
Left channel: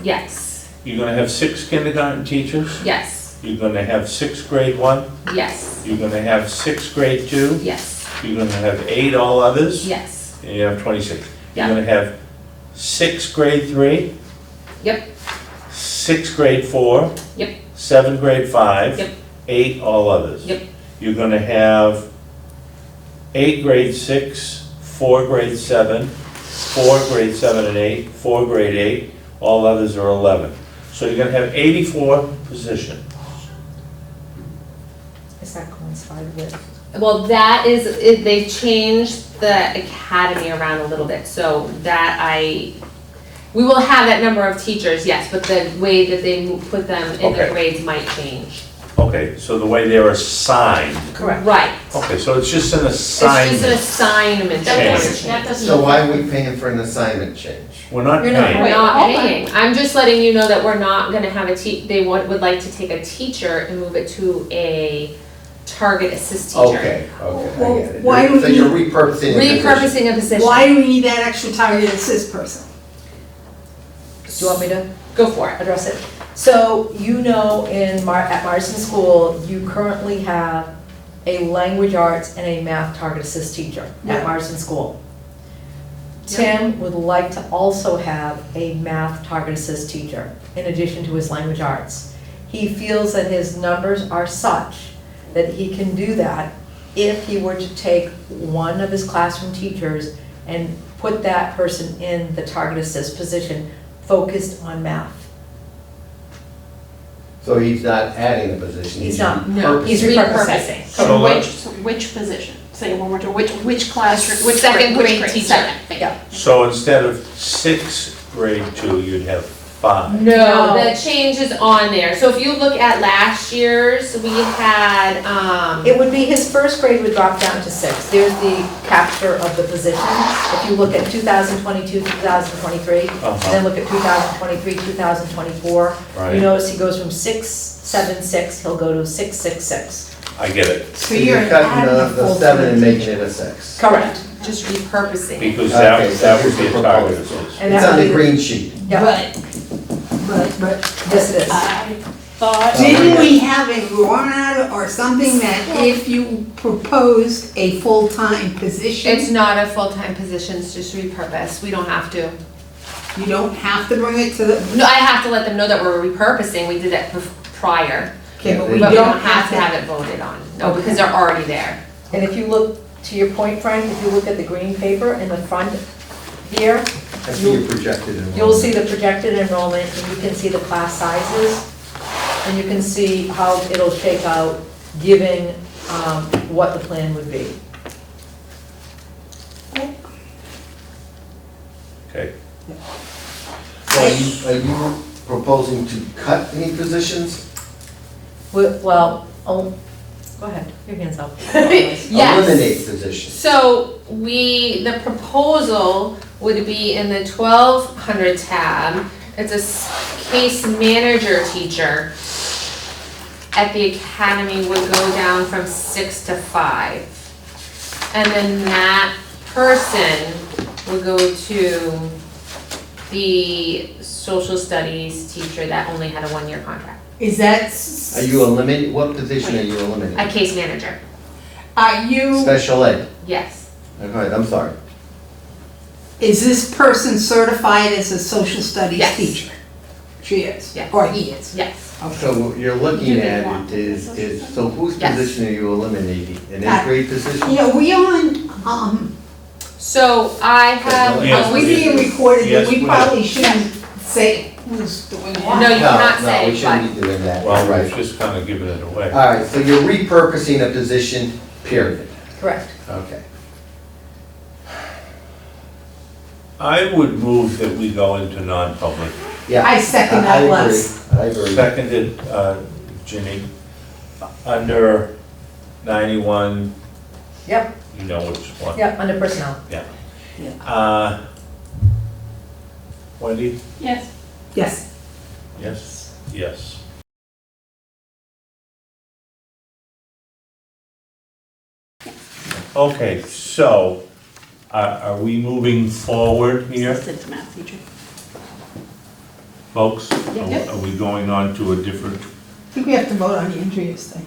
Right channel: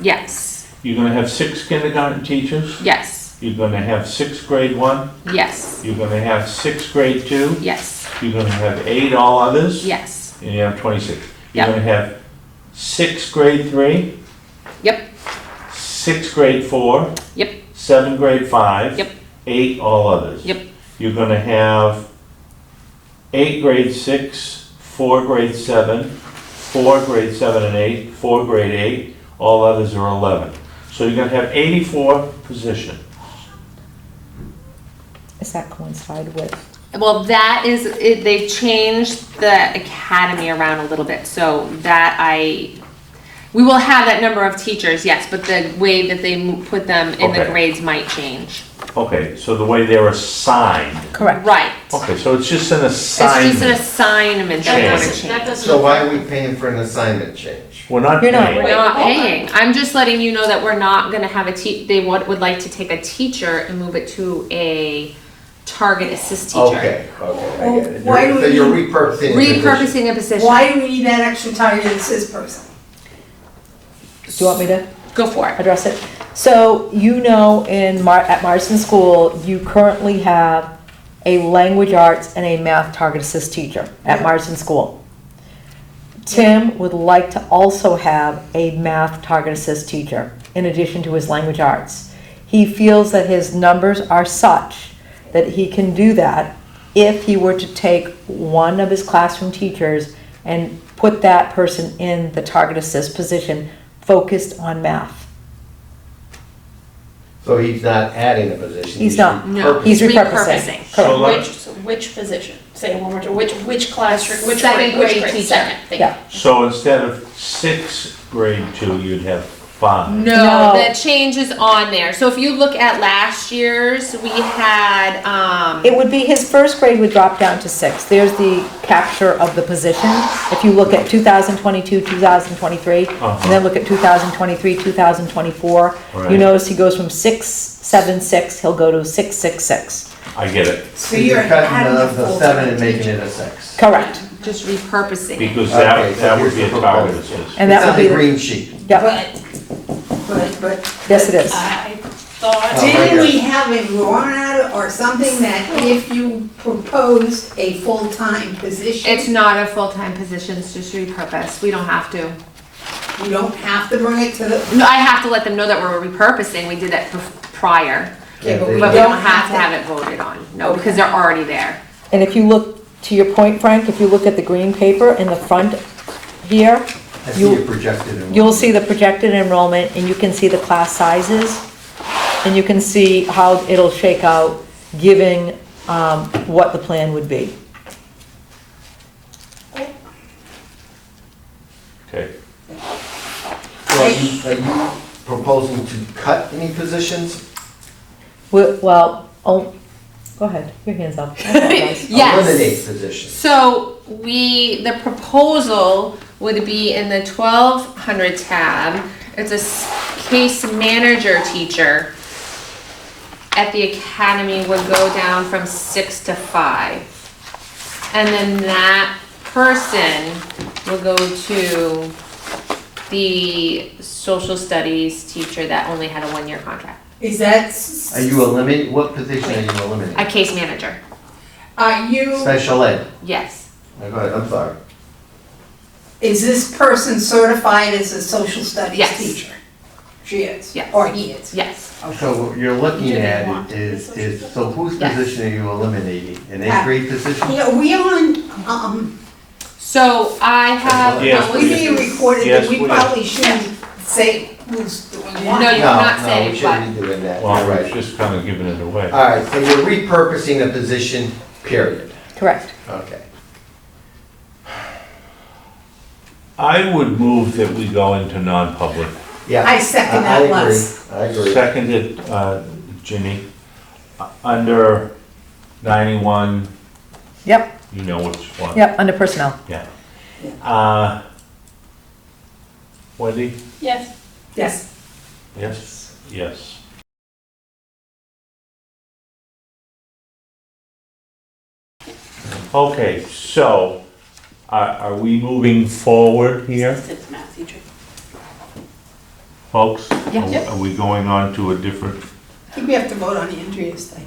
yes, you're gonna have 6 kindergarten teachers, yes, you're gonna have 6 grade 1, yes, you're gonna have 6 grade 2, yes, you're gonna have 8 all others, yes, and you have 26. Yeah. You're gonna have 6 grade 3. Yep. 6 grade 4. Yep. 7 grade 5. Yep. 8 all others. Yep. You're gonna have 8 grade 6, 4 grade 7, 4 grade 7 and 8, 4 grade 8, all others are 11. So you're gonna have 84 positions. Does that coincide with? well, that is, it, they changed the academy around a little bit, so that we will have that number of teachers, yes, but the way that they put them in the Okay. grades might change. Okay, so the way they're assigned. Correct. Right. Okay, so it's just an It's just an assignment. assignment. That Change. doesn't, that doesn't. So why are we paying for an assignment change? We're not You're not. paying. We're not paying. I'm just letting you know that we're not gonna have they would like to take a teacher and move it to a target assist teacher. Okay, I get it. Why do So we- you're repurposing. a position. Repurposing a position. Why do we need that extra target assist person? Do you want me to Go for it. address it? So you know at Marston School, you currently have a language arts and a math target assist teacher at Yeah. Marston School. Tim would like to also have a math target assist teacher in addition to his language arts. He feels that his numbers are such that he can do that if he were to take one of his classroom teachers and put that person in the target assist position focused on math. So he's not adding a position. He's not. repurposing. He's repurposing. Repurposing. So let- Which position? Say one more time, which classroom, Second grade teacher. Second, thank you. Yeah. So instead of 6 grade 2, you'd have 5. No, No. the change is on there. So if you look at last year's, we had, It would be his first grade would drop down to 6. There's the capture of the position. If you look at 2022, 2023, and then look at 2023, 2024, Right. you notice he goes from 676, he'll go to 666. I get it, So you're cutting adding a the full 7 and time making teacher. it a 6. Correct. just repurposing it. because Okay, that, so that would here's be the a target proposal. assist. And It's that on would the be, green sheet. yeah, But, yes it is. I thought. didn't we have a warrant or something that if you proposed a full-time position, It's not a full-time position, it's just repurposed. We don't have to. you don't have to bring it to the, No, I have to let them know that we're repurposing. We did that prior, okay, but Yeah, we but we don't don't have to have it voted on. No, because they're already there. And if you look, to your point, Frank, if you look at the green paper in the front here, I see your projected enrollment. you'll see the projected enrollment, and you can see the class sizes, and you can see how it'll shake out, giving what the plan would be. Okay, So are you proposing to cut any positions? Well, oh, go ahead, your hand's up. Yes. Eliminate positions? So the proposal would be in the 1200 tab. It's a case manager teacher at the academy would go down from 6 to 5. And then that person will go to the social studies teacher that only had a 1-year contract. is that? Are you eliminating, what position are you eliminating? A case manager, Are you, Special ed? yes. Go ahead, I'm sorry. is this person certified as a social studies Yes. teacher? She is? Yes. Or he is? Yes. So what you're looking Do they at want is, so whose Yes. position are you eliminating? An Uh, 8th grade position? Yeah, we on, So I have. Yes, we being recorded, Yes, that we we probably shouldn't say who's doing what. No, you cannot say, No, we shouldn't be doing that. well, You're we're right. just kind of giving it away. All right, so you're repurposing a position, period. Correct. Okay. I would move that we go into non-public. Yeah. I second that, agree. Les. I agree. Seconded, Ginny, under 91, Yep, you know which one. yep, under personnel. Wendy? Yes. Yes. Yes? Yes. Okay, so, are we moving forward here, Assistant math teacher. folks? Yeah. Are we going on to a different? I think we have to vote on the interviews thing.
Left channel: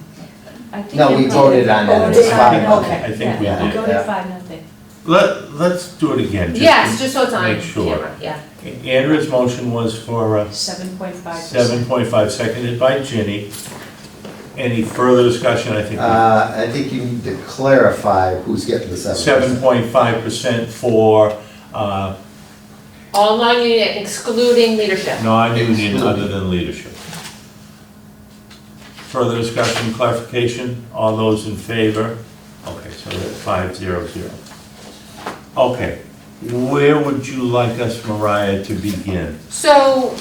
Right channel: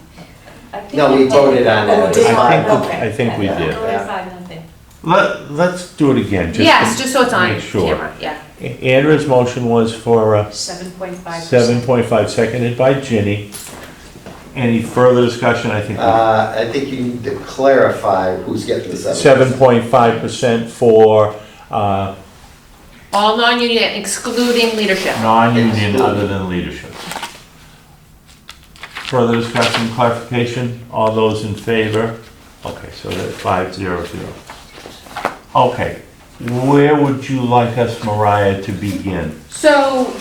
No, we voted on that. Oh, It's did we? fine. Okay. I think we did. Go to 5-0. Let's do it again, Yes, to just so it's on make sure. camera, yeah. Andrew's motion was for 7.5%. 7.5, seconded by Ginny. Any further discussion? I think I think you need to clarify who's getting the 7%. 7.5% for All non-union excluding leadership. non-union other than leadership. Further discussion, clarification? All those in favor? Okay, so that's 500. Okay, where would you like us, Mariah, to begin? So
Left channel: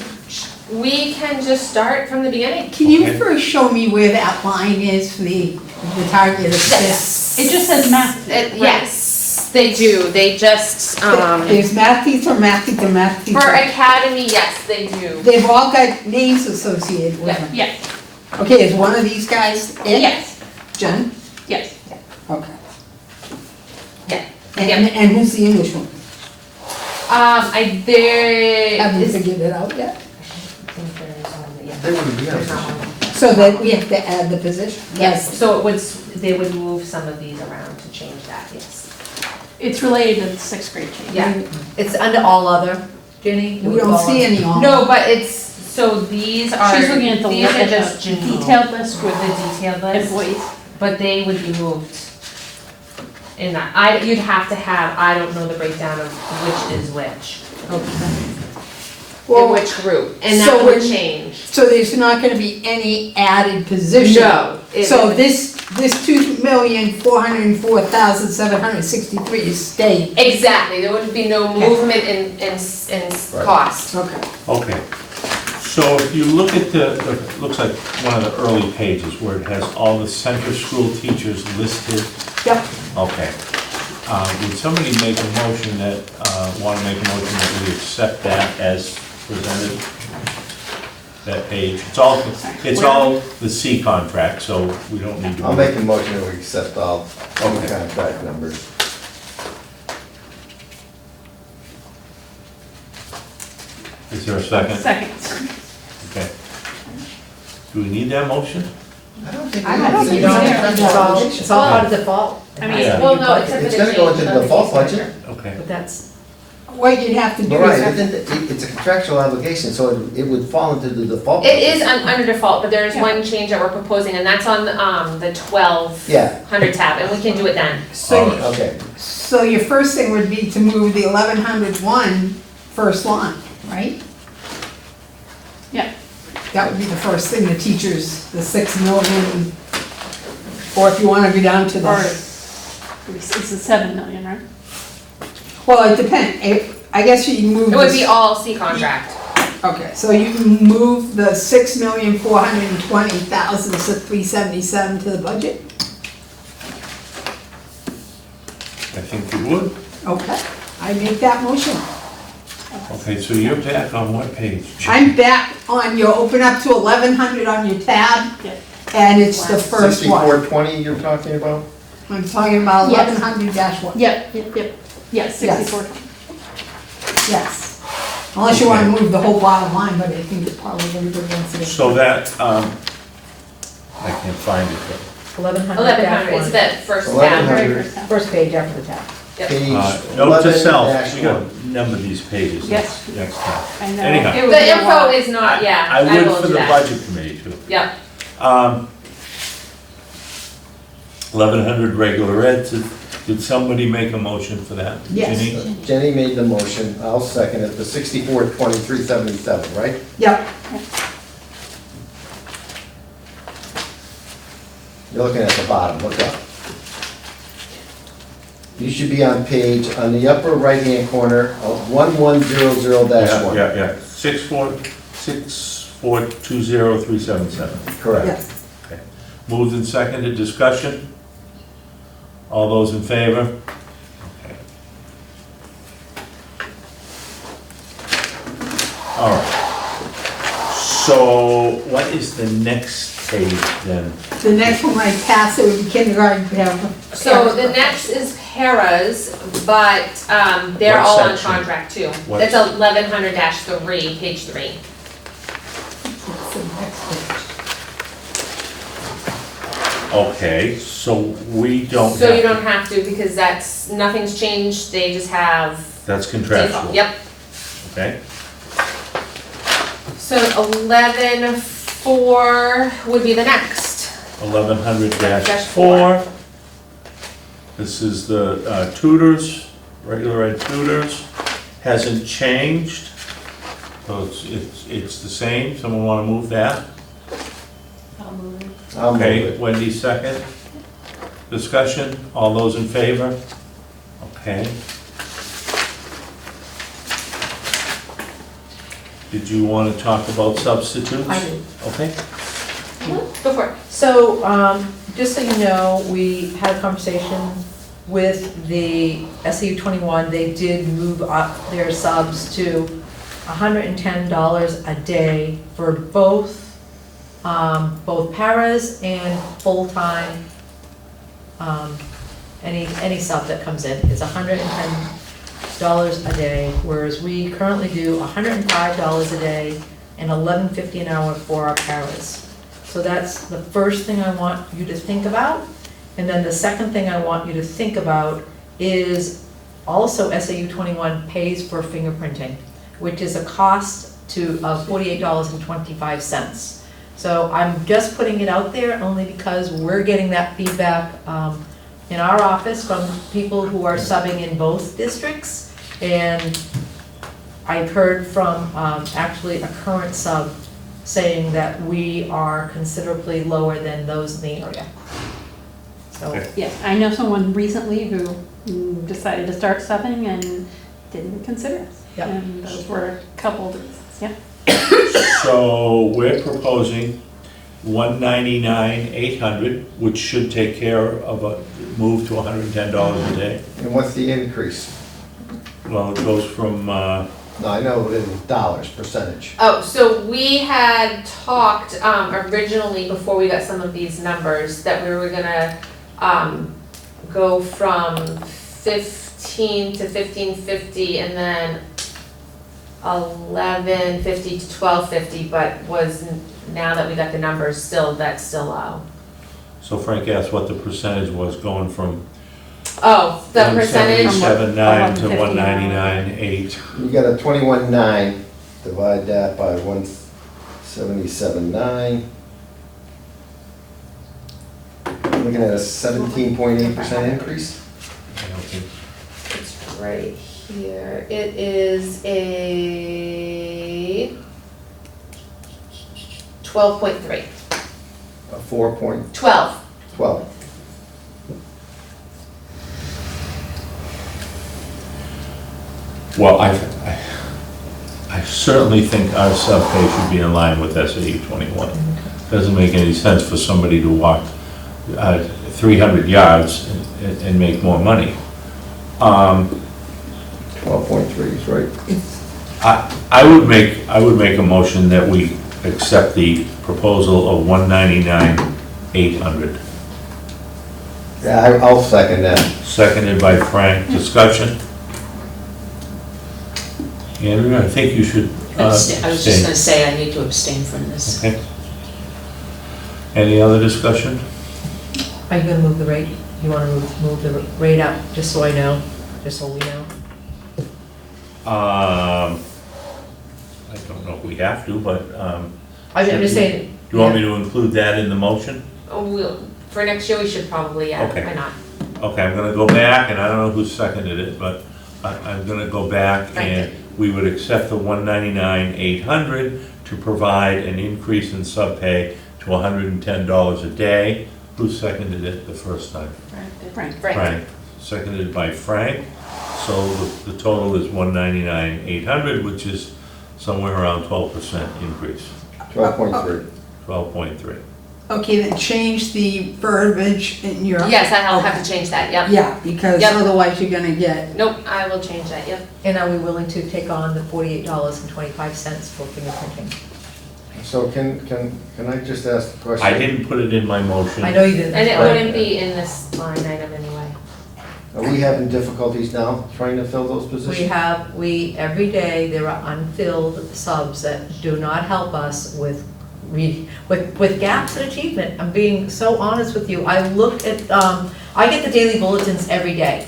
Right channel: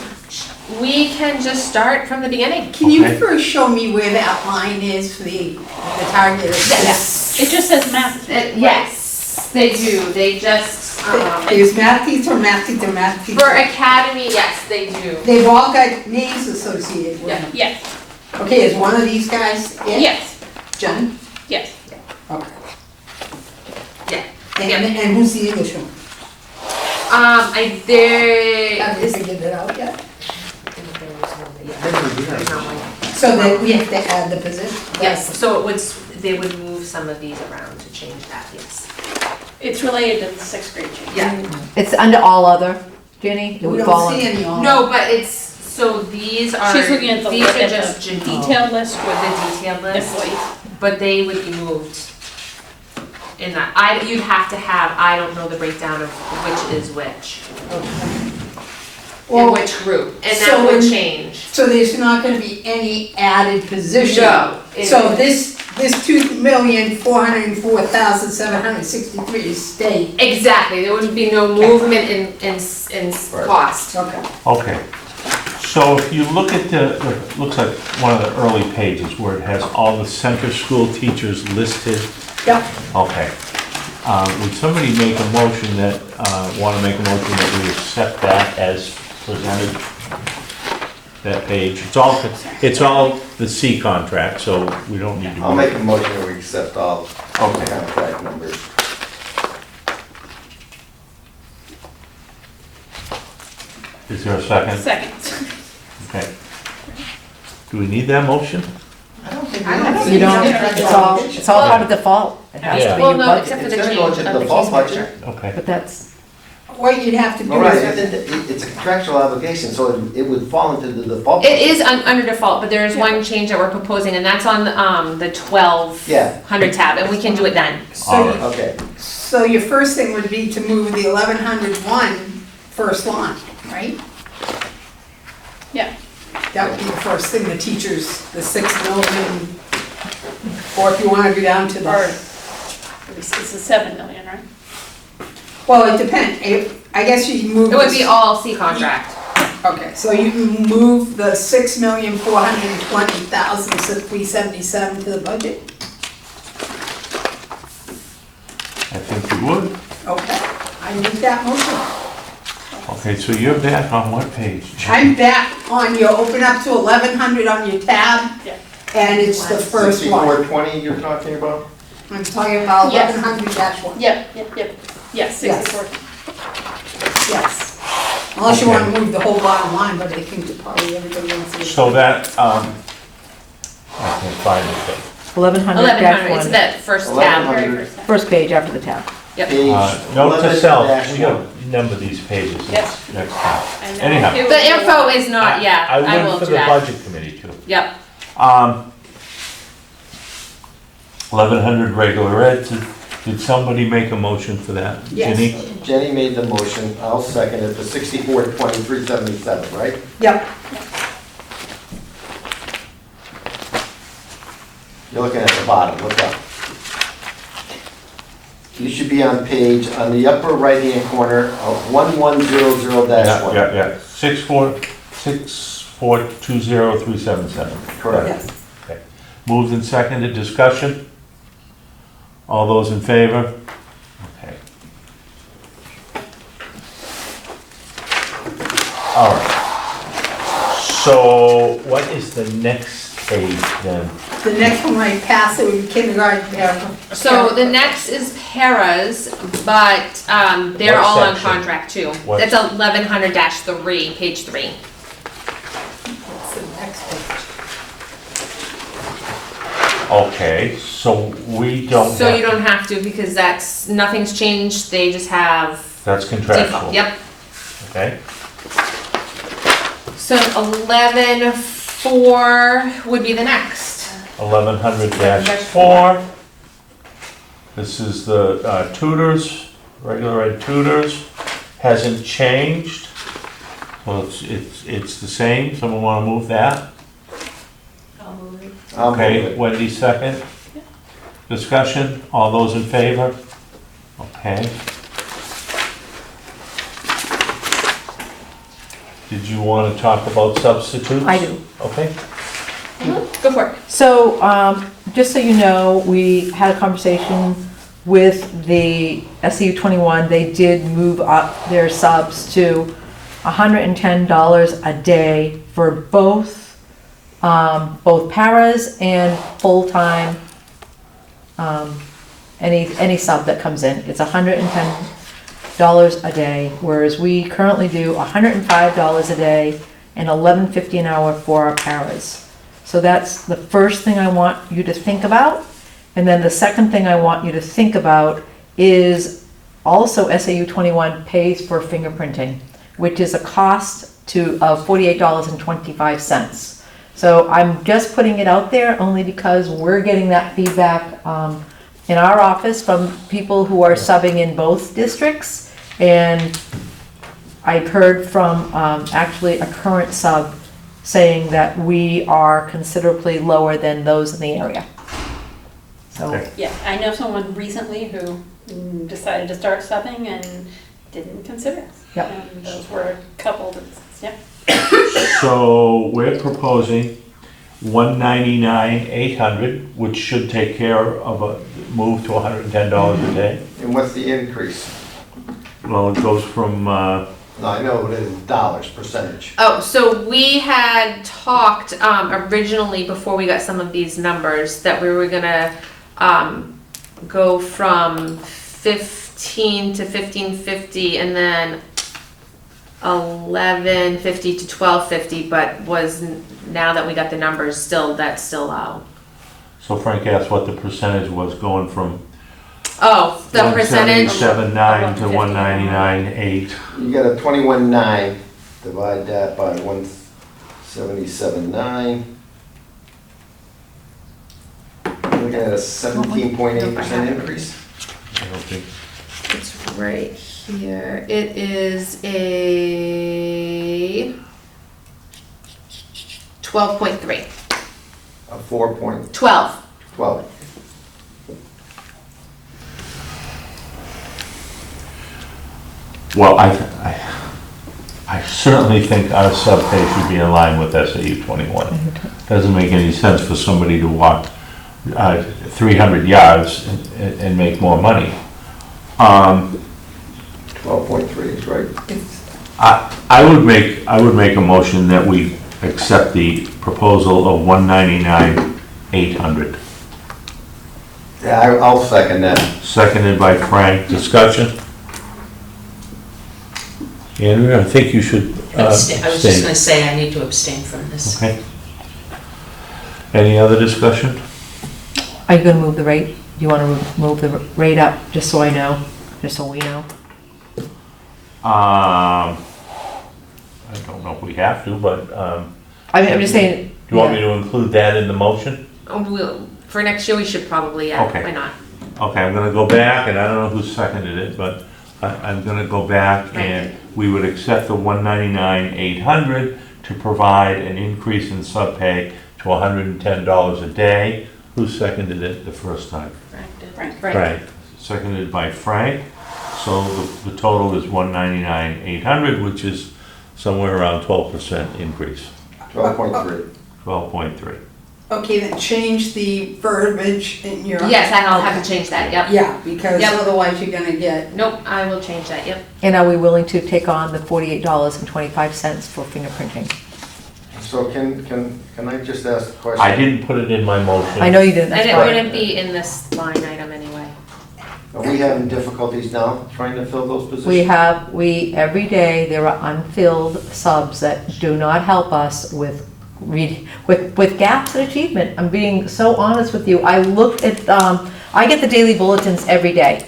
we can just start from the beginning. Can you Okay. first show me where that line is for the target? Yes. It just says math. Yes, they do. They just, There's math teacher, math teacher, math for teacher. academy, yes, they do. They've all got names associated with them. Yes, Okay, is one of these guys it? yes, Jen? yes. Okay. Yeah. And who's the English one? There Have you is, figured it out yet? Yeah. So that we have to add the position? yes, so it would, they would move some of these around to change that, yes. It's related to the 6th grade change. Yeah. It's under all other, Ginny? It We would don't fall see under- any on. No, but it's, so these are, She's looking at the, these are just detailed list with the detailed list, employees. but they would be moved. In that, you'd have to have, I don't know the breakdown of which is which, in Well, which group, and so that would then- change. so there's not gonna be any added position? No. it So would- this 2,404,763 is staying? Exactly, there would be no Okay. movement in cost. Okay. Okay, So if you look at it looks like one of the early pages where it has all the center school teachers listed. Yep. Okay. Would somebody make a motion that, want to make a motion that we accept that as presented? That page, it's all the C contract, so we don't need to. I'll make a motion that we accept all contract numbers. Is there a second? Second. Okay. Do we need that motion? I don't think. I don't You don't, think it's all by default. It has to be Well, your no, budget. except for It's the gonna go change into of the the default fee budget. structure. Okay. But that's, What you'd have to do All right, is, it's a contractual obligation, so it would fall into the default. It is under default, but there's one change that we're proposing, and that's on the 1200 tab, and we can do it then. so, Okay, so your first thing would be to move the 1101 first line, right? Yeah. That would be the first thing, the teachers, the 6 million, or if you wanna go down to Or the, it's a 7 million, right? well, it depends, I guess you move. It would this- be all C contract. Okay, so you move the 6,420,377 to the budget? I think you would. Okay, I make that motion. Okay, so you're back on what page? I'm back on your, open up to 1100 on your tab, Yeah. and it's the first one. 6420 you're talking about? I'm talking about Yes. 1100-1, Yep, yes, 64. yes. Unless you wanna move the whole bottom line, but I think it probably everybody wants to. So that, I can find it, 1100, it's 1100-1, the first tab. 1100. first page after the tab. Yep. Page note to self, 11-1. you gotta number these pages Yes. next time. I know. Anyhow. It would be The a info lot. is not, yeah, I I would will for do the that. budget committee too. Yep, 1100 regular ed, did somebody make a motion for that? Yes. Jenny? Jenny made the motion, I'll second it, the 642377, right? Yep, You're looking at the bottom, look up. You should be on page, on the upper right-hand corner, of 1100-1. Yeah, 64203777. Correct. yes. Okay. Moved and seconded, discussion? All those in favor? Okay. All right. So what is the next page then? The next one I pass, it would be kindergarten paragraph. so the next is paras, but, they're What all on section? contract too. What- It's 1100-3, page 3. That's the next page. Okay, so we don't So you have, don't have to, because nothing's changed, they just have that's default, contractual. yep. Okay, So 11.4 would be the next. 1100-4. This is the tutors, regular ed tutors, hasn't changed. Well, it's the same, someone wanna move that? I'll move it. I'll move Okay, it. Wendy second. Discussion, all those in favor? Okay. Did you wanna talk about substitutes? I do. Okay. Go for it. So, just so you know, we had a conversation with the SEU 21. They did move up their subs to $110 a day for both paras and full-time, any sub that comes in. It's $110 a day, whereas we currently do $105 a day and $11.50 an hour for our paras. So that's the first thing I want you to think about. And then the second thing I want you to think about is also SAU 21 pays for fingerprinting, which is a cost of $48.25. So I'm just putting it out there only because we're getting that feedback in our office from people who are subbing in both districts. And I've heard from actually a current sub saying that we are considerably lower than those in the area. So, Okay. Yeah, I know someone recently who decided to start subbing and didn't consider it. Yep. And those were a couple of reasons, yeah. So we're proposing 199,800, which should take care of a move to $110 a day. And what's the increase? Well, it goes from, No, I know what it is, dollars, percentage. Oh, so we had talked, originally, before we got some of these numbers, that we were gonna, go from 15 to 1550 and then 1150 to 1250, but now that we got the numbers, that's still low. so Frank asked what the percentage was going from Oh, the percentage, 177.9 to 199.8. You got a 21.9, divide that by 177.9. Looking at a 17.8% increase. I don't think, it's right here, it is a 12.3, A 4.12. 12. well, I certainly think our sub-pay should be in line with SAU 21. Doesn't make any sense for somebody to walk 300 yards and make more money. 12.3 is right. I would make a motion that we accept the proposal of 199,800. Yeah, I'll second that. Seconded by Frank. Discussion? Andrew, I think you should Abstain. I was just abstain. gonna say I need to abstain from this. Okay. Any other discussion? Are you gonna move the rate? You wanna move the rate up, just so I know, just so we know? I don't know if we have to, but, I mean, I'm just saying. you want me to include that in the motion? For next year, we should probably, yeah, Okay. why not? Okay, I'm gonna go back, and I don't know who seconded it, but I'm gonna go back, and we would accept the 199,800 to provide an increase in sub-pay to $110 a day. Who seconded it the first time? Frank. Frank. Seconded by Frank. So the total is 199,800, which is somewhere around 12% increase, 12.3. 12.3. Okay, then change the verbiage in your. Yes, I'll have to change that, yep. Yeah, because Yep. otherwise you're gonna get, Nope, I will change that, yep. And are we willing to take on the $48.25 for fingerprinting? So can I just ask a question? I didn't put it in my motion. I know you didn't, And that's it why. wouldn't be in this line item anyway. Are we having difficulties now trying to fill those positions? Every day, there are unfilled subs that do not help us with gaps in achievement. I'm being so honest with you. I looked at, I get the daily bulletins every day.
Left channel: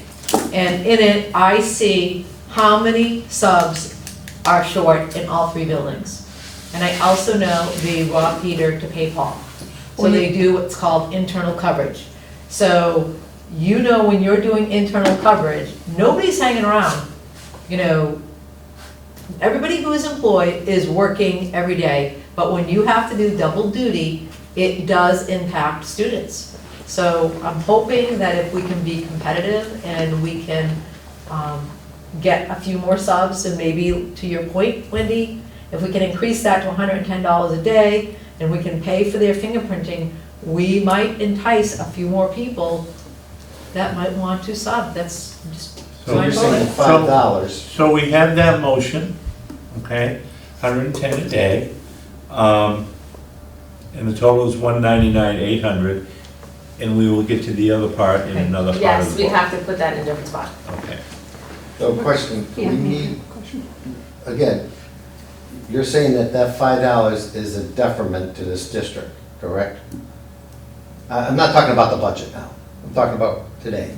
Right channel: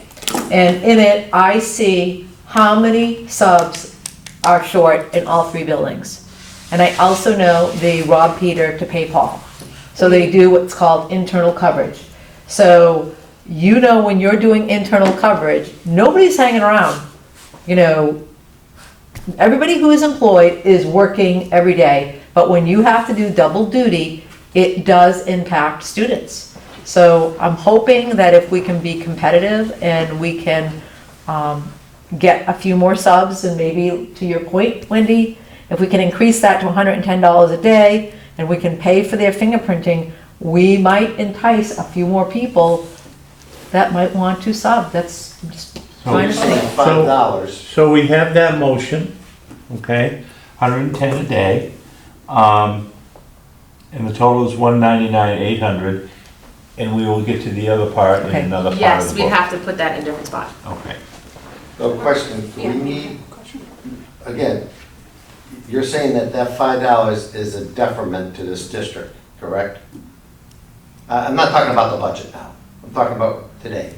And in it, I see how many subs are short in all three buildings. And I also know they rob Peter to pay Paul. So they do what's called internal coverage. So you know when you're doing internal coverage, nobody's hanging around. You know, everybody who is employed is working every day, but when you have to do double duty, it does impact students. So I'm hoping that if we can be competitive and we can get a few more subs, and maybe to your point, Wendy, if we can increase that to $110 a day and we can pay for their fingerprinting, we might entice a few more people that might want to sub. That's just So trying you're to saying say. $5. So we have that motion, okay, 110 a day. And the total is 199,800, and we will get to the other part in Okay. another part of Yes, the we'd book. have to put that in a different spot. Okay. So question, do Yeah, we need, again, you're saying that $5 is a detriment to this district, correct? I'm not talking about the budget now, I'm talking about today.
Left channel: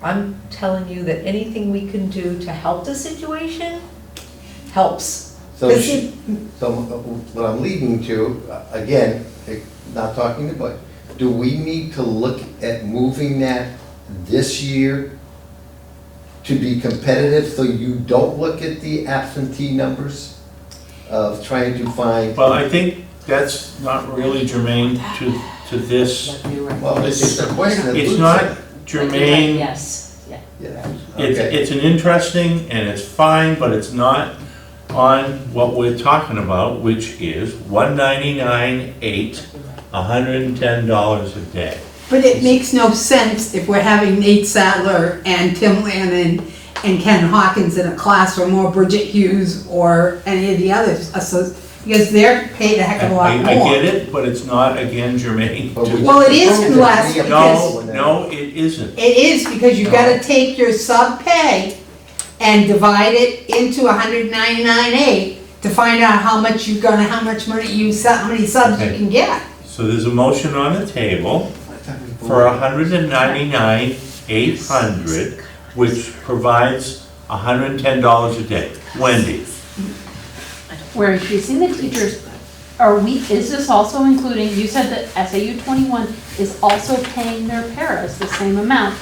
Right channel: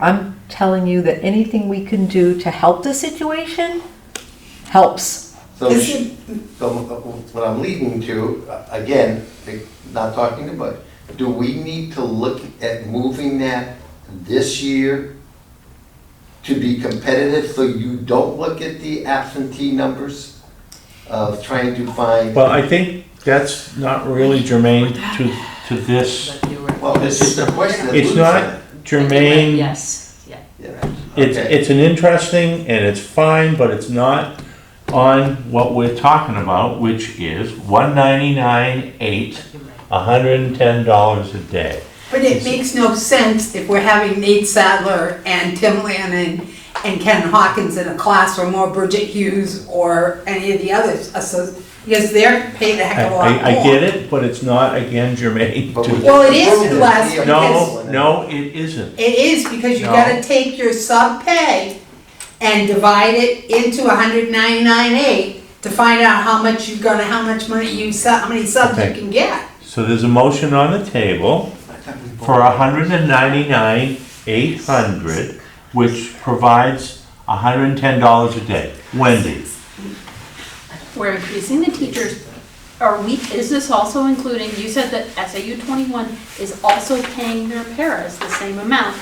I'm telling you that anything we can do to help the situation helps. So, Is it- so what I'm leading to, again, not talking about, do we need to look at moving that this year to be competitive, so you don't look at the absentee numbers of trying to find? Well, I think that's not really germane to this. Well, it's just a question. that It's Lou not said. germane. Yes, yeah. Yeah. It's Okay. an interesting and it's fine, but it's not on what we're talking about, which is $199,800, $110 a day. But it makes no sense if we're having Nate Sadler and Tim Lannon and Ken Hawkins in a classroom, or Bridget Hughes, or any of the others, because they're paid a heck of a lot more. I get it, but it's not, again, germane. But we Well, it is approved through us We because- approved it. No, it isn't. It is, because you gotta take your sub pay and divide it into 199.8 to find out how much you're gonna, how much money how many subs you Okay. can get. So there's a motion on the table for $199,800, which provides $110 a day. Wendy? We're increasing the teachers, is this also including, you said that SAU 21 is also paying their paras the same amount.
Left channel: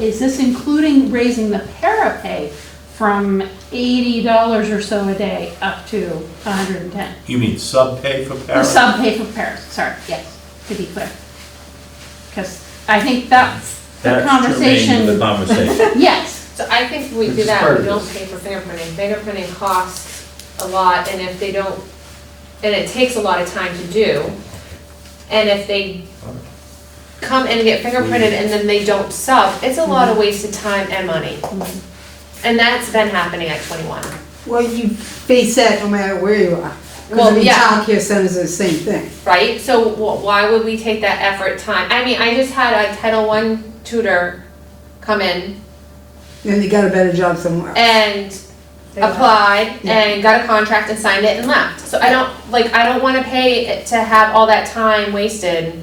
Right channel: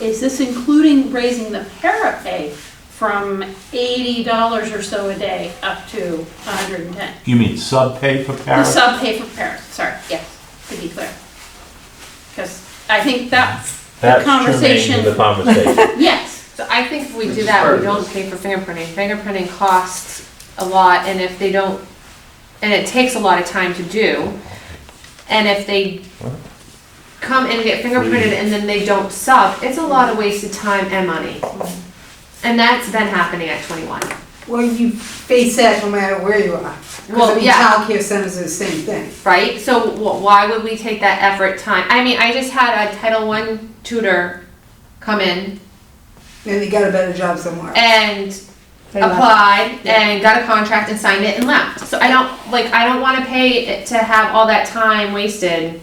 Is this including raising the para pay from $80 or so a day up to 110? You mean sub-pay for The para? sub pay for paras, sorry, yes, to be clear. Because I think that's the That's germane conversation. to the conversation. Yes, So I think if we Which do is that, part we of don't this. pay for fingerprinting. Fingerprinting costs a lot, and if they don't, and it takes a lot of time to do. And if they come in and get fingerprinted and then they don't sub, it's a lot of wasted time and money. And that's been happening at 21. Well, you face that no matter where you are. Well, Because yeah. childcare centers are the same thing. Right? So why would we take that effort, time? I mean, I just had a Title I tutor come in Then they got a better job somewhere. and They left. applied and got a contract and signed it and left. So I don't wanna pay it to have all that time wasted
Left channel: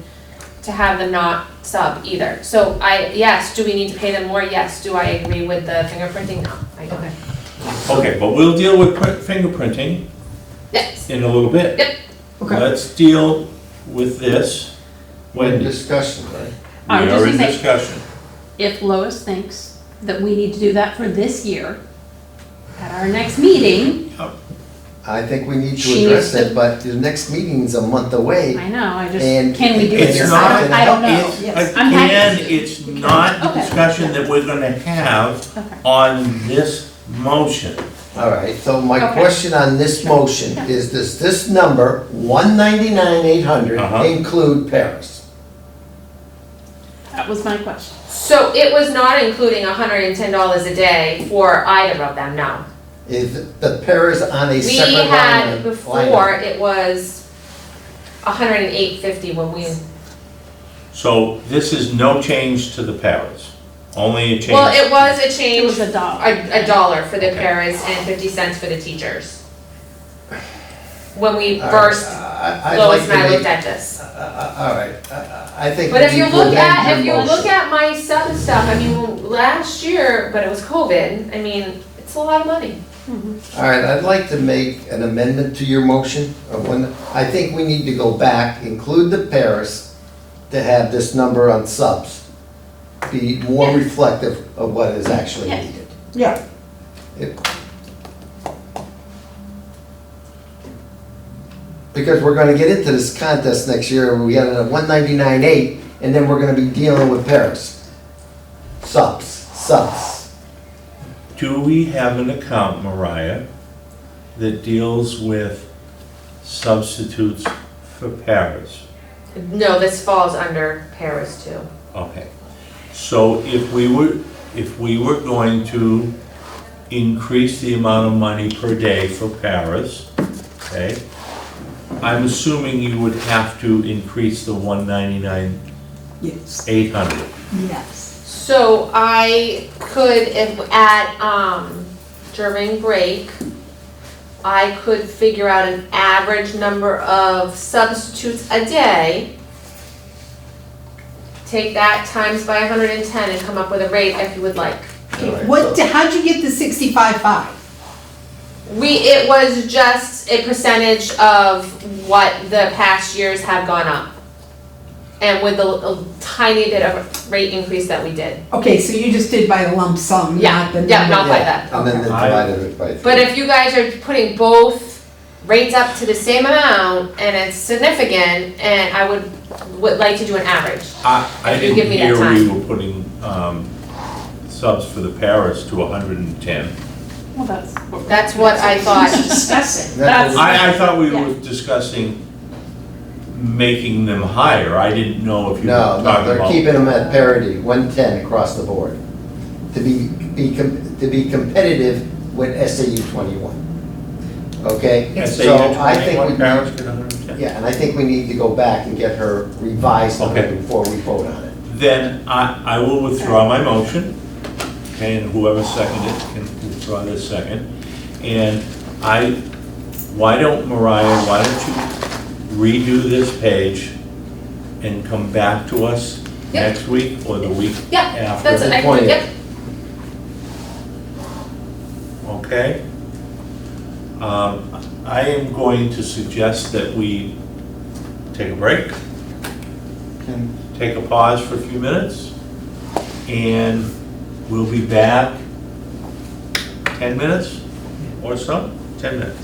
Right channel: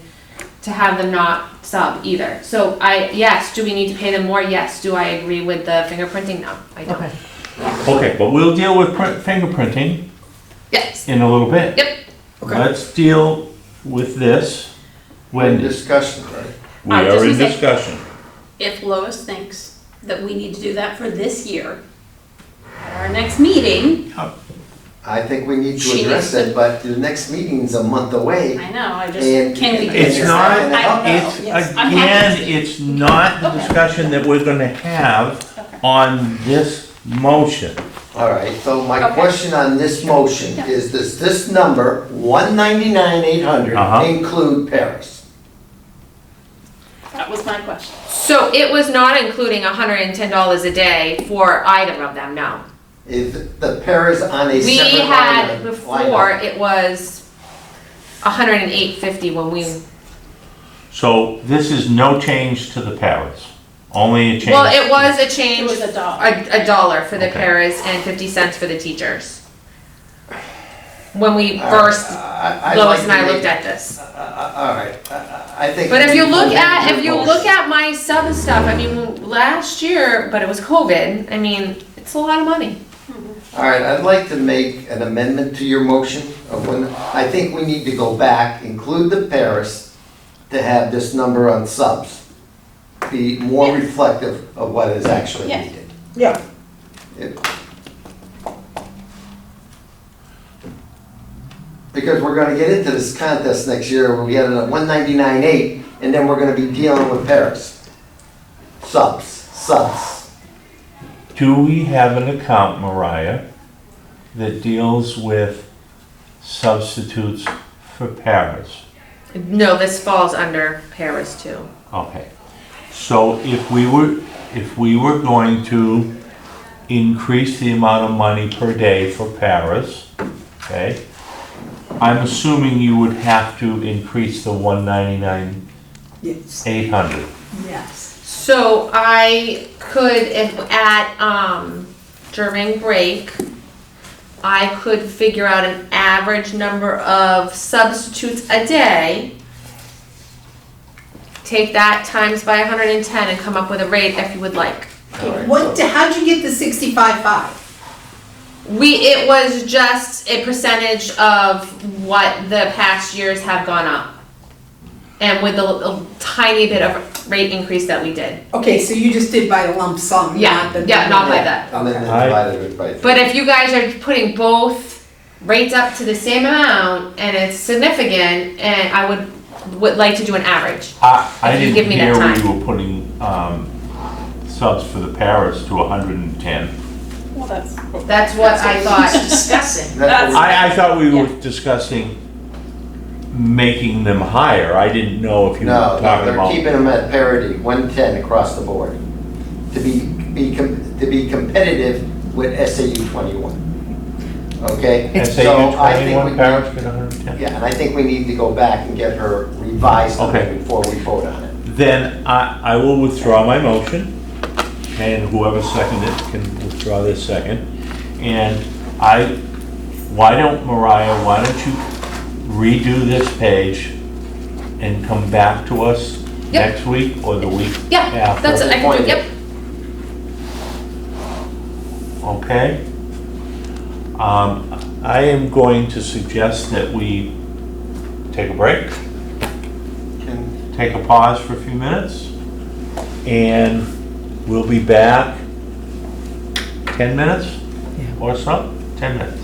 to have them not sub either. So yes, do we need to pay them more? Yes. Do I agree with the fingerprinting? No, I don't. Okay. Okay, but we'll deal with fingerprinting Yes. in a little bit. Yep. Okay. Let's deal with this. We're in Wendy, discussion, right? we I was are just in gonna say- discussion. if Lois thinks that we need to do that for this year, at our next meeting, I think we need to She address needs to- it, but the next meeting's a month away. I know, I just, And can we do it It's here? not- I don't know. It's, Yes. I'm happy. again, it's not the Okay. discussion that we're gonna have Okay. on this motion. All right, so my Okay. question on this motion is, does this number, 199,800, Uh-huh. include Paris? That was my question. So it was not including $110 a day for either of them, no. Is the Paris on a We separate line? had, of- before, line it was $108.50 when we, So this is no change to the paras, only a change. well, it was a It change, was a dollar. a dollar for the Okay. paras and 50 cents for the teachers. When we All right, first, I'd Lois like and to I looked make- at this. All right, I think. But if we you need to look amend at, your if you motion. look at my sub stuff, I mean, last year, but it was COVID, I mean, it's a lot of money. All right, I'd like to make an amendment to your motion. I think we need to go back, include the Paris, to have this number on subs be more Yeah. reflective of what is actually Yeah. needed. Yeah. Because we're gonna get into this contest next year, where we get a 199.8, and then we're gonna be dealing with Paris. Subs. Do we have an account, Mariah, that deals with substitutes for paras? No, this falls under paras too. Okay, so if we were going to increase the amount of money per day for paras, okay? I'm assuming you would have to increase the 199,800. Yes. Yes. So I could, if at, during break, I could figure out an average number of substitutes a day, take that times by 110 and come up with a rate if you would like. All right, What, so- how'd you get the 65.5? It was just a percentage of what the past years have gone up. And with a tiny bit of rate increase that we did. Okay, so you just did by the lump sum, Yeah, not the. yeah, not by Yeah, that. And then they Okay. divided it by. But if you guys are putting both rates up to the same amount and it's significant, and I would like to do an average. I If you didn't give me that hear we time. were putting subs for the paras to 110. Well, That's what I thought. Discussing. That's- I thought we were Yeah. discussing making them higher. I didn't know if you were No, talking no, about. they're keeping them at parity, 110 across the board, to be competitive with SAU 21. Okay? SAU So I think 21 we parents get 110? Yeah, and I think we need to go back and get her revised Okay. before we vote on it. Then I will withdraw my motion, and whoever seconded it can withdraw their second. And why don't you redo this page and come back to us Yep. next week or the week Yeah, after? that's, the I, 20th. yep, Okay? I am going to suggest that we take a break, take a pause for a few minutes, and we'll be back 10 minutes or so, 10 minutes.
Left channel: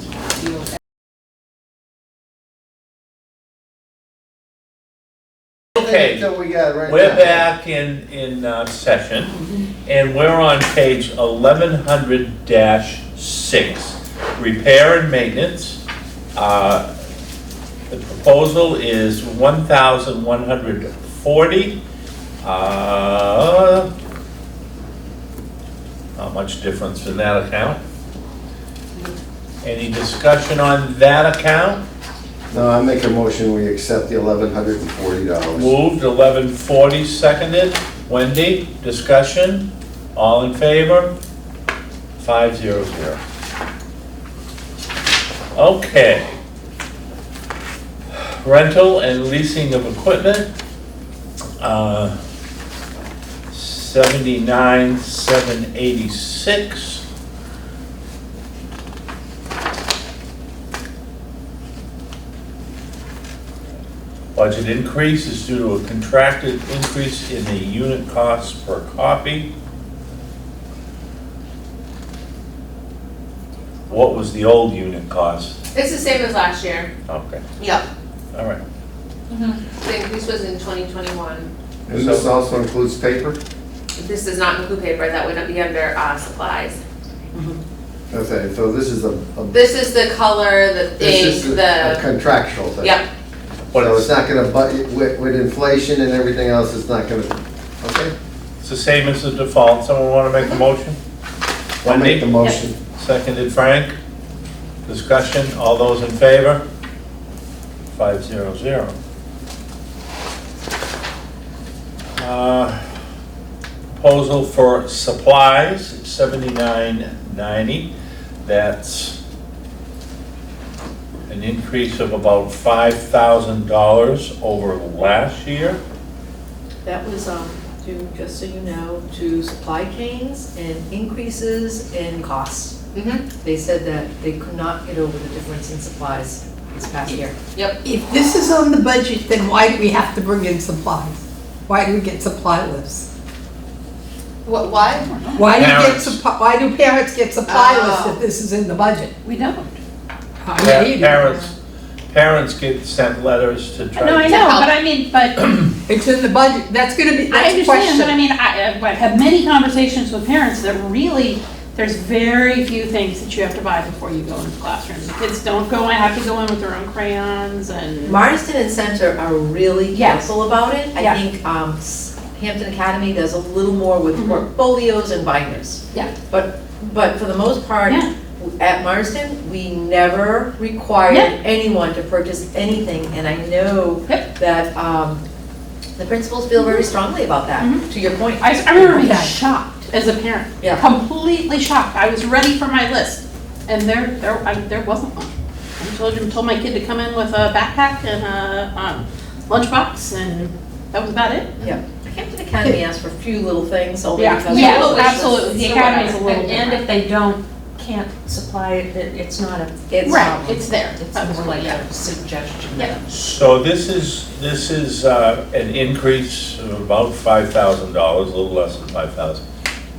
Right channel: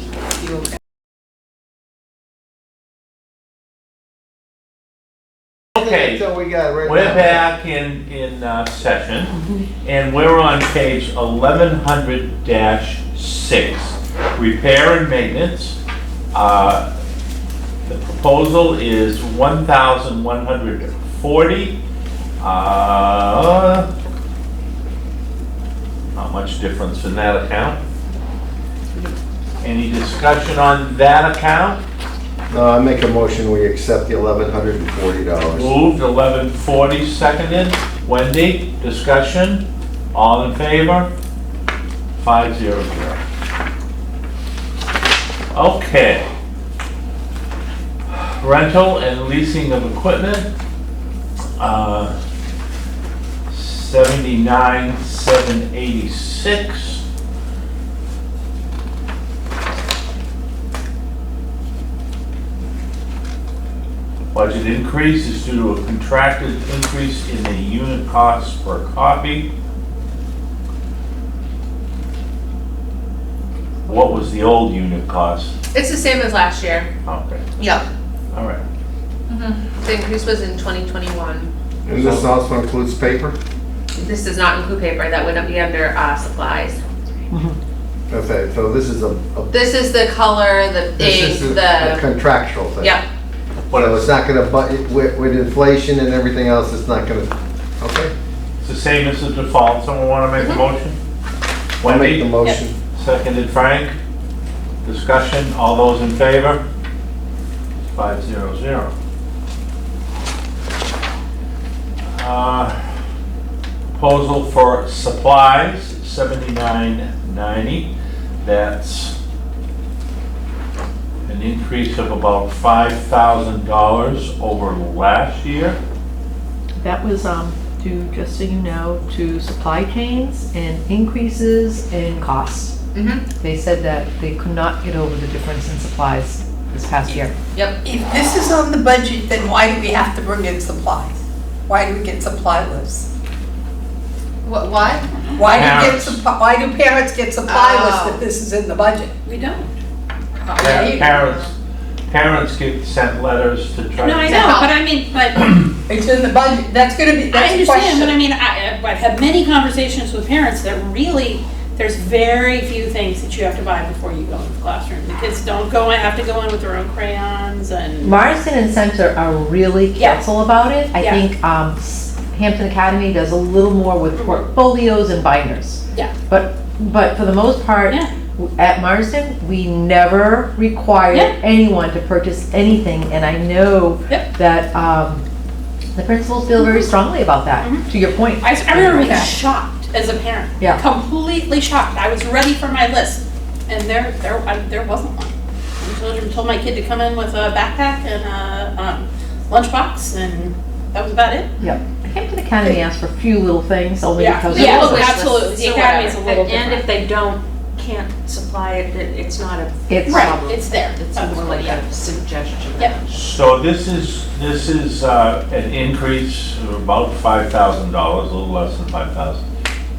Okay, So we got right we're now. back in session, and we're on page 1100-6, repair and maintenance. The proposal is 1,140. Not much difference in that account. Any discussion on that account? No, I make a motion, we accept the $1,140. Moved, 1140, seconded. Wendy, discussion? All in favor? 500. Okay. Rental and leasing of equipment, 79,786. Budget increase is due to a contracted increase in the unit costs per copy. What was the old unit cost? it's the same as last year. Okay, Yep. all right. The increase was in 2021. And this also includes paper? This does not include paper, that would be under supplies. Okay, so this is a, This is the color, the this ink, is a the, contractual thing. yep, So it's not gonna, with inflation and everything else, it's not gonna, okay? It's the same as the default. Someone want to make a motion? I'll make the Wendy, motion. seconded Frank. Discussion, all those in favor? 500. Proposal for supplies, 7990. That's an increase of about $5,000 over last year. That was due, just so you know, to supply chains and increases in costs. They said that they could not get over the difference in supplies this past year. yep. If this is on the budget, then why do we have to bring in supplies? Why do we get supply lists? Why? Why Parents. why do parents get supply lists Oh. if this is in the budget? We don't. Parents get sent letters to try. No, I to- know, but I mean, but It's in the budget, that's gonna be, I that's a understand, but I question. mean, I've had many conversations with parents that really, there's very few things that you have to buy before you go into classrooms. The kids don't have to go in with their own crayons and. Marsden and Center are really Yeah. careful about it. I Yeah. think Hampton Academy does a little more with portfolios and binders. Yeah. But for the most part, Yeah. at Marsden, we never required Yeah. anyone to purchase anything, and I know Yep. that the principals feel very strongly about that, to your point. I remember being Okay. shocked as a parent. Yeah. Completely shocked. I was ready for my list, and there wasn't one. I told my kid to come in with a backpack and a lunchbox, and that was about it. Yep. Hampton Academy asked for a few little things, only Yeah. because. Yeah. of- Oh, absolutely. The academy is a little And different. if they can't supply it, it's not a It's, Right, it's there. It's more like a suggestion. Yep. So this is an increase of about $5,000, a little less than 5,000.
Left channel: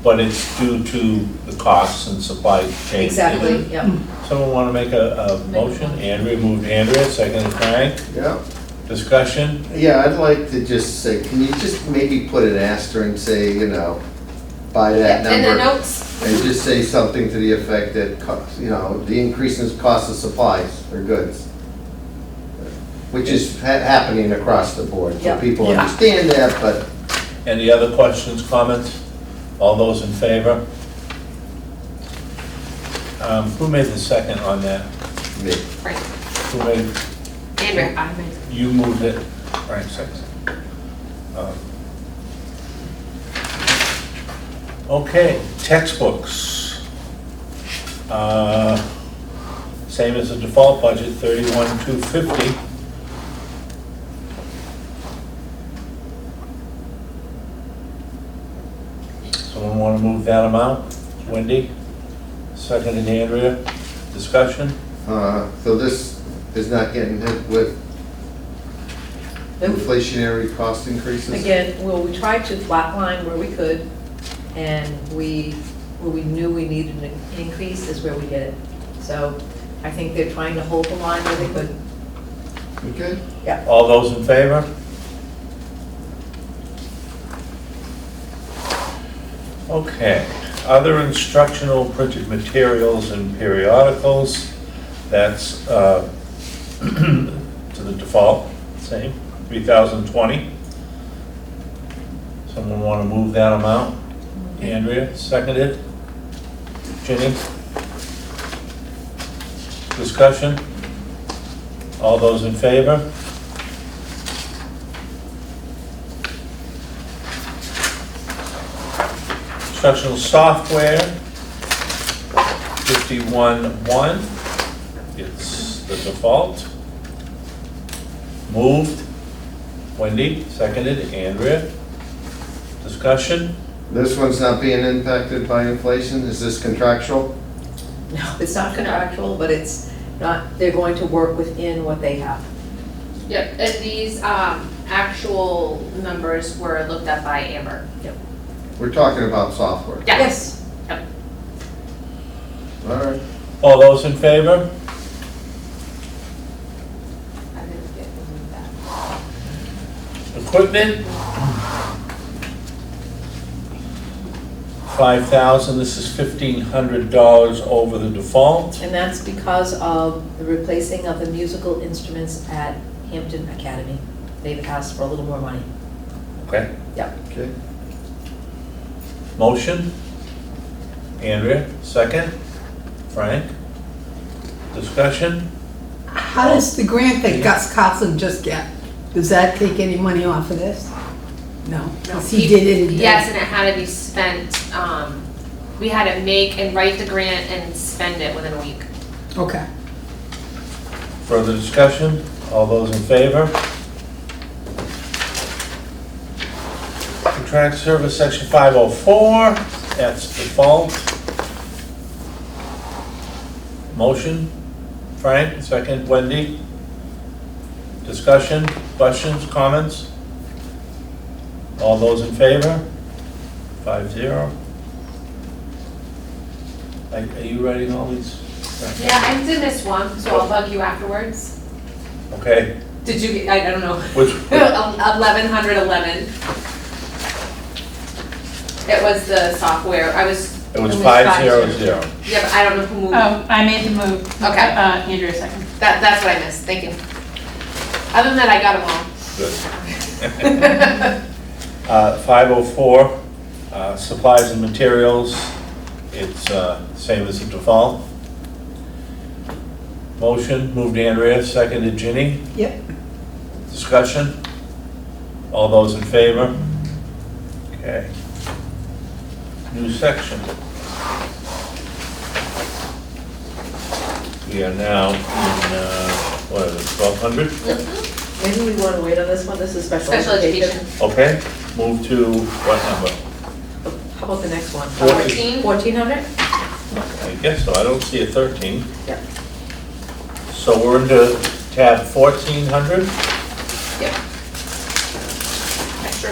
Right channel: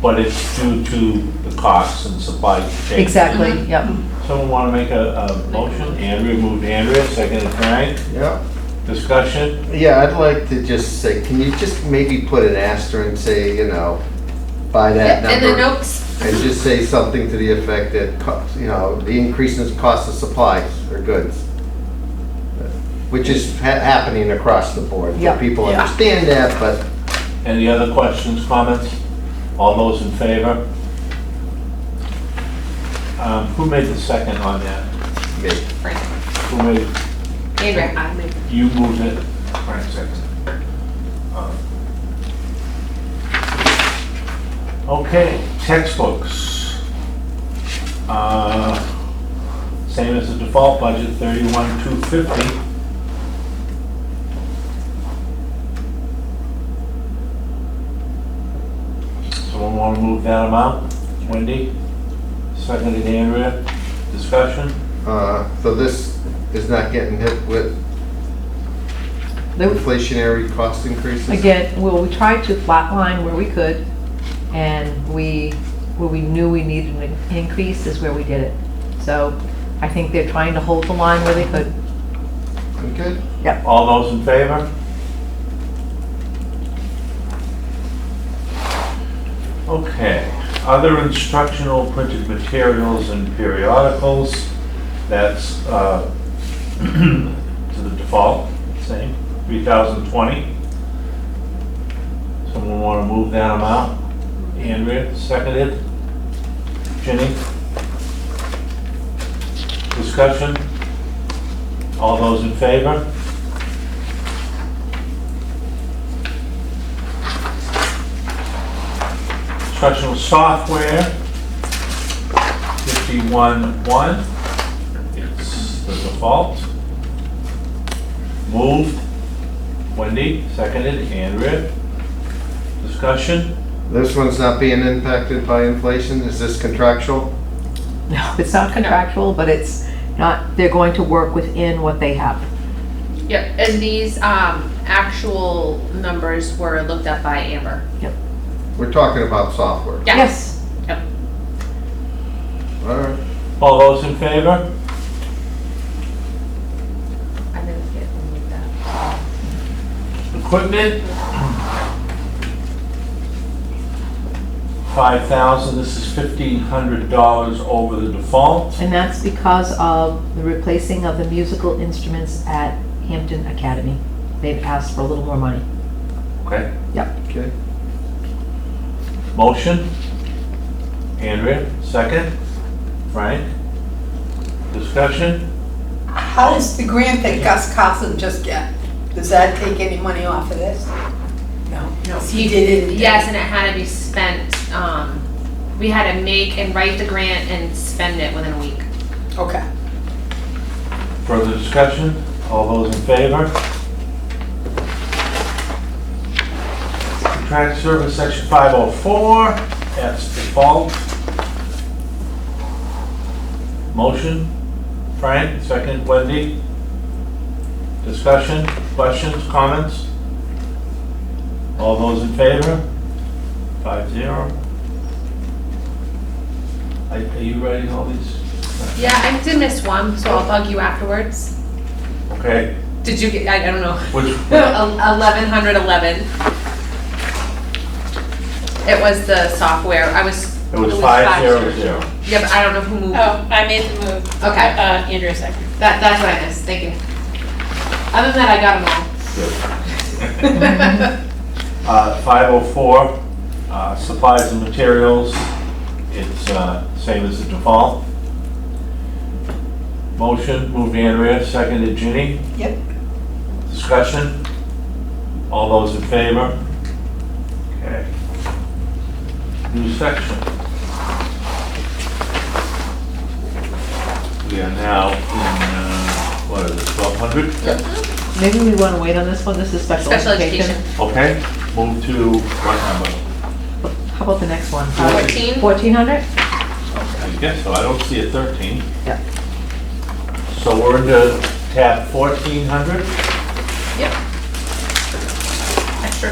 But it's due to the costs and supply chain. Exactly, yep. Someone want to make a motion? Andrea moved Andrea, seconded Frank. Yeah. Discussion? Yeah, I'd like to just say, can you just maybe put an asterisk and say, by that In the number? notes, and just say something to the effect that, you know, the increase in cost of supplies or goods, which is happening across the board. Yeah. People understand that, but Any other questions, comments? All those in favor? Who made the second on that? me. Who made, Andrea, I made. you moved it? Frank seconded. Okay, textbooks. Same as the default budget, 31,250. Someone want to move that amount? Wendy? Seconded Andrea. Discussion? So this is not getting hit with inflationary cost increases? Again, well, we tried to flatline where we could, and where we knew we needed an increase is where we did it. So I think they're trying to hold the line where they could. Okay. All those in favor? Okay, other instructional printed materials and periodicals, that's to the default, same, 3,020. Someone want to move that amount? Andrea, seconded. Ginny? Discussion? All those in favor? Instructional software, 51,1. It's the default. Moved. Wendy, seconded. Andrea. Discussion? This one's not being impacted by inflation, is this contractual? No, it's not contractual, but it's not, they're going to work within what they have. Yep, and these actual numbers were looked up by Amber. We're talking about software. Yes. Yep. All right. All those in favor? I didn't get any of that. Equipment? 5,000, this is $1,500 over the default. And that's because of the replacing of the musical instruments at Hampton Academy. They've asked for a little more money. Okay. Okay. Motion? Andrea, second. Frank? Discussion? How does the grant that Gus Coughlin just get, does that take any money off of this? No, he did it. Yes, and it had to be spent, we had to make and write the grant and spend it within a week. Okay. Further discussion? All those in favor? Contract service, section 504, that's default. Motion, Frank, second, Wendy. Discussion, questions, comments? All those in favor? 5-0. Are you writing all these? Yeah, I did miss one, so I'll bug you afterwards. Okay, Did you get, I don't know. which, 1111. It was the software, it was 500. Yeah, but I don't know who moved. Oh, I made the move. Okay. Andrea second. That's what I missed, thank you. Other than that, I got them all. 504, supplies and materials, it's same as the default. Motion, moved Andrea, seconded Ginny. Yep. Discussion? All those in favor? Okay. New section. We are now in, what is it, 1200? Maybe we want to wait on this one, this is special Special education. education. Okay, move to what number? How about the next one? 14? 1400? I guess so, I don't see a 13. Yeah. So we're into tab 1400. Yep. Extra.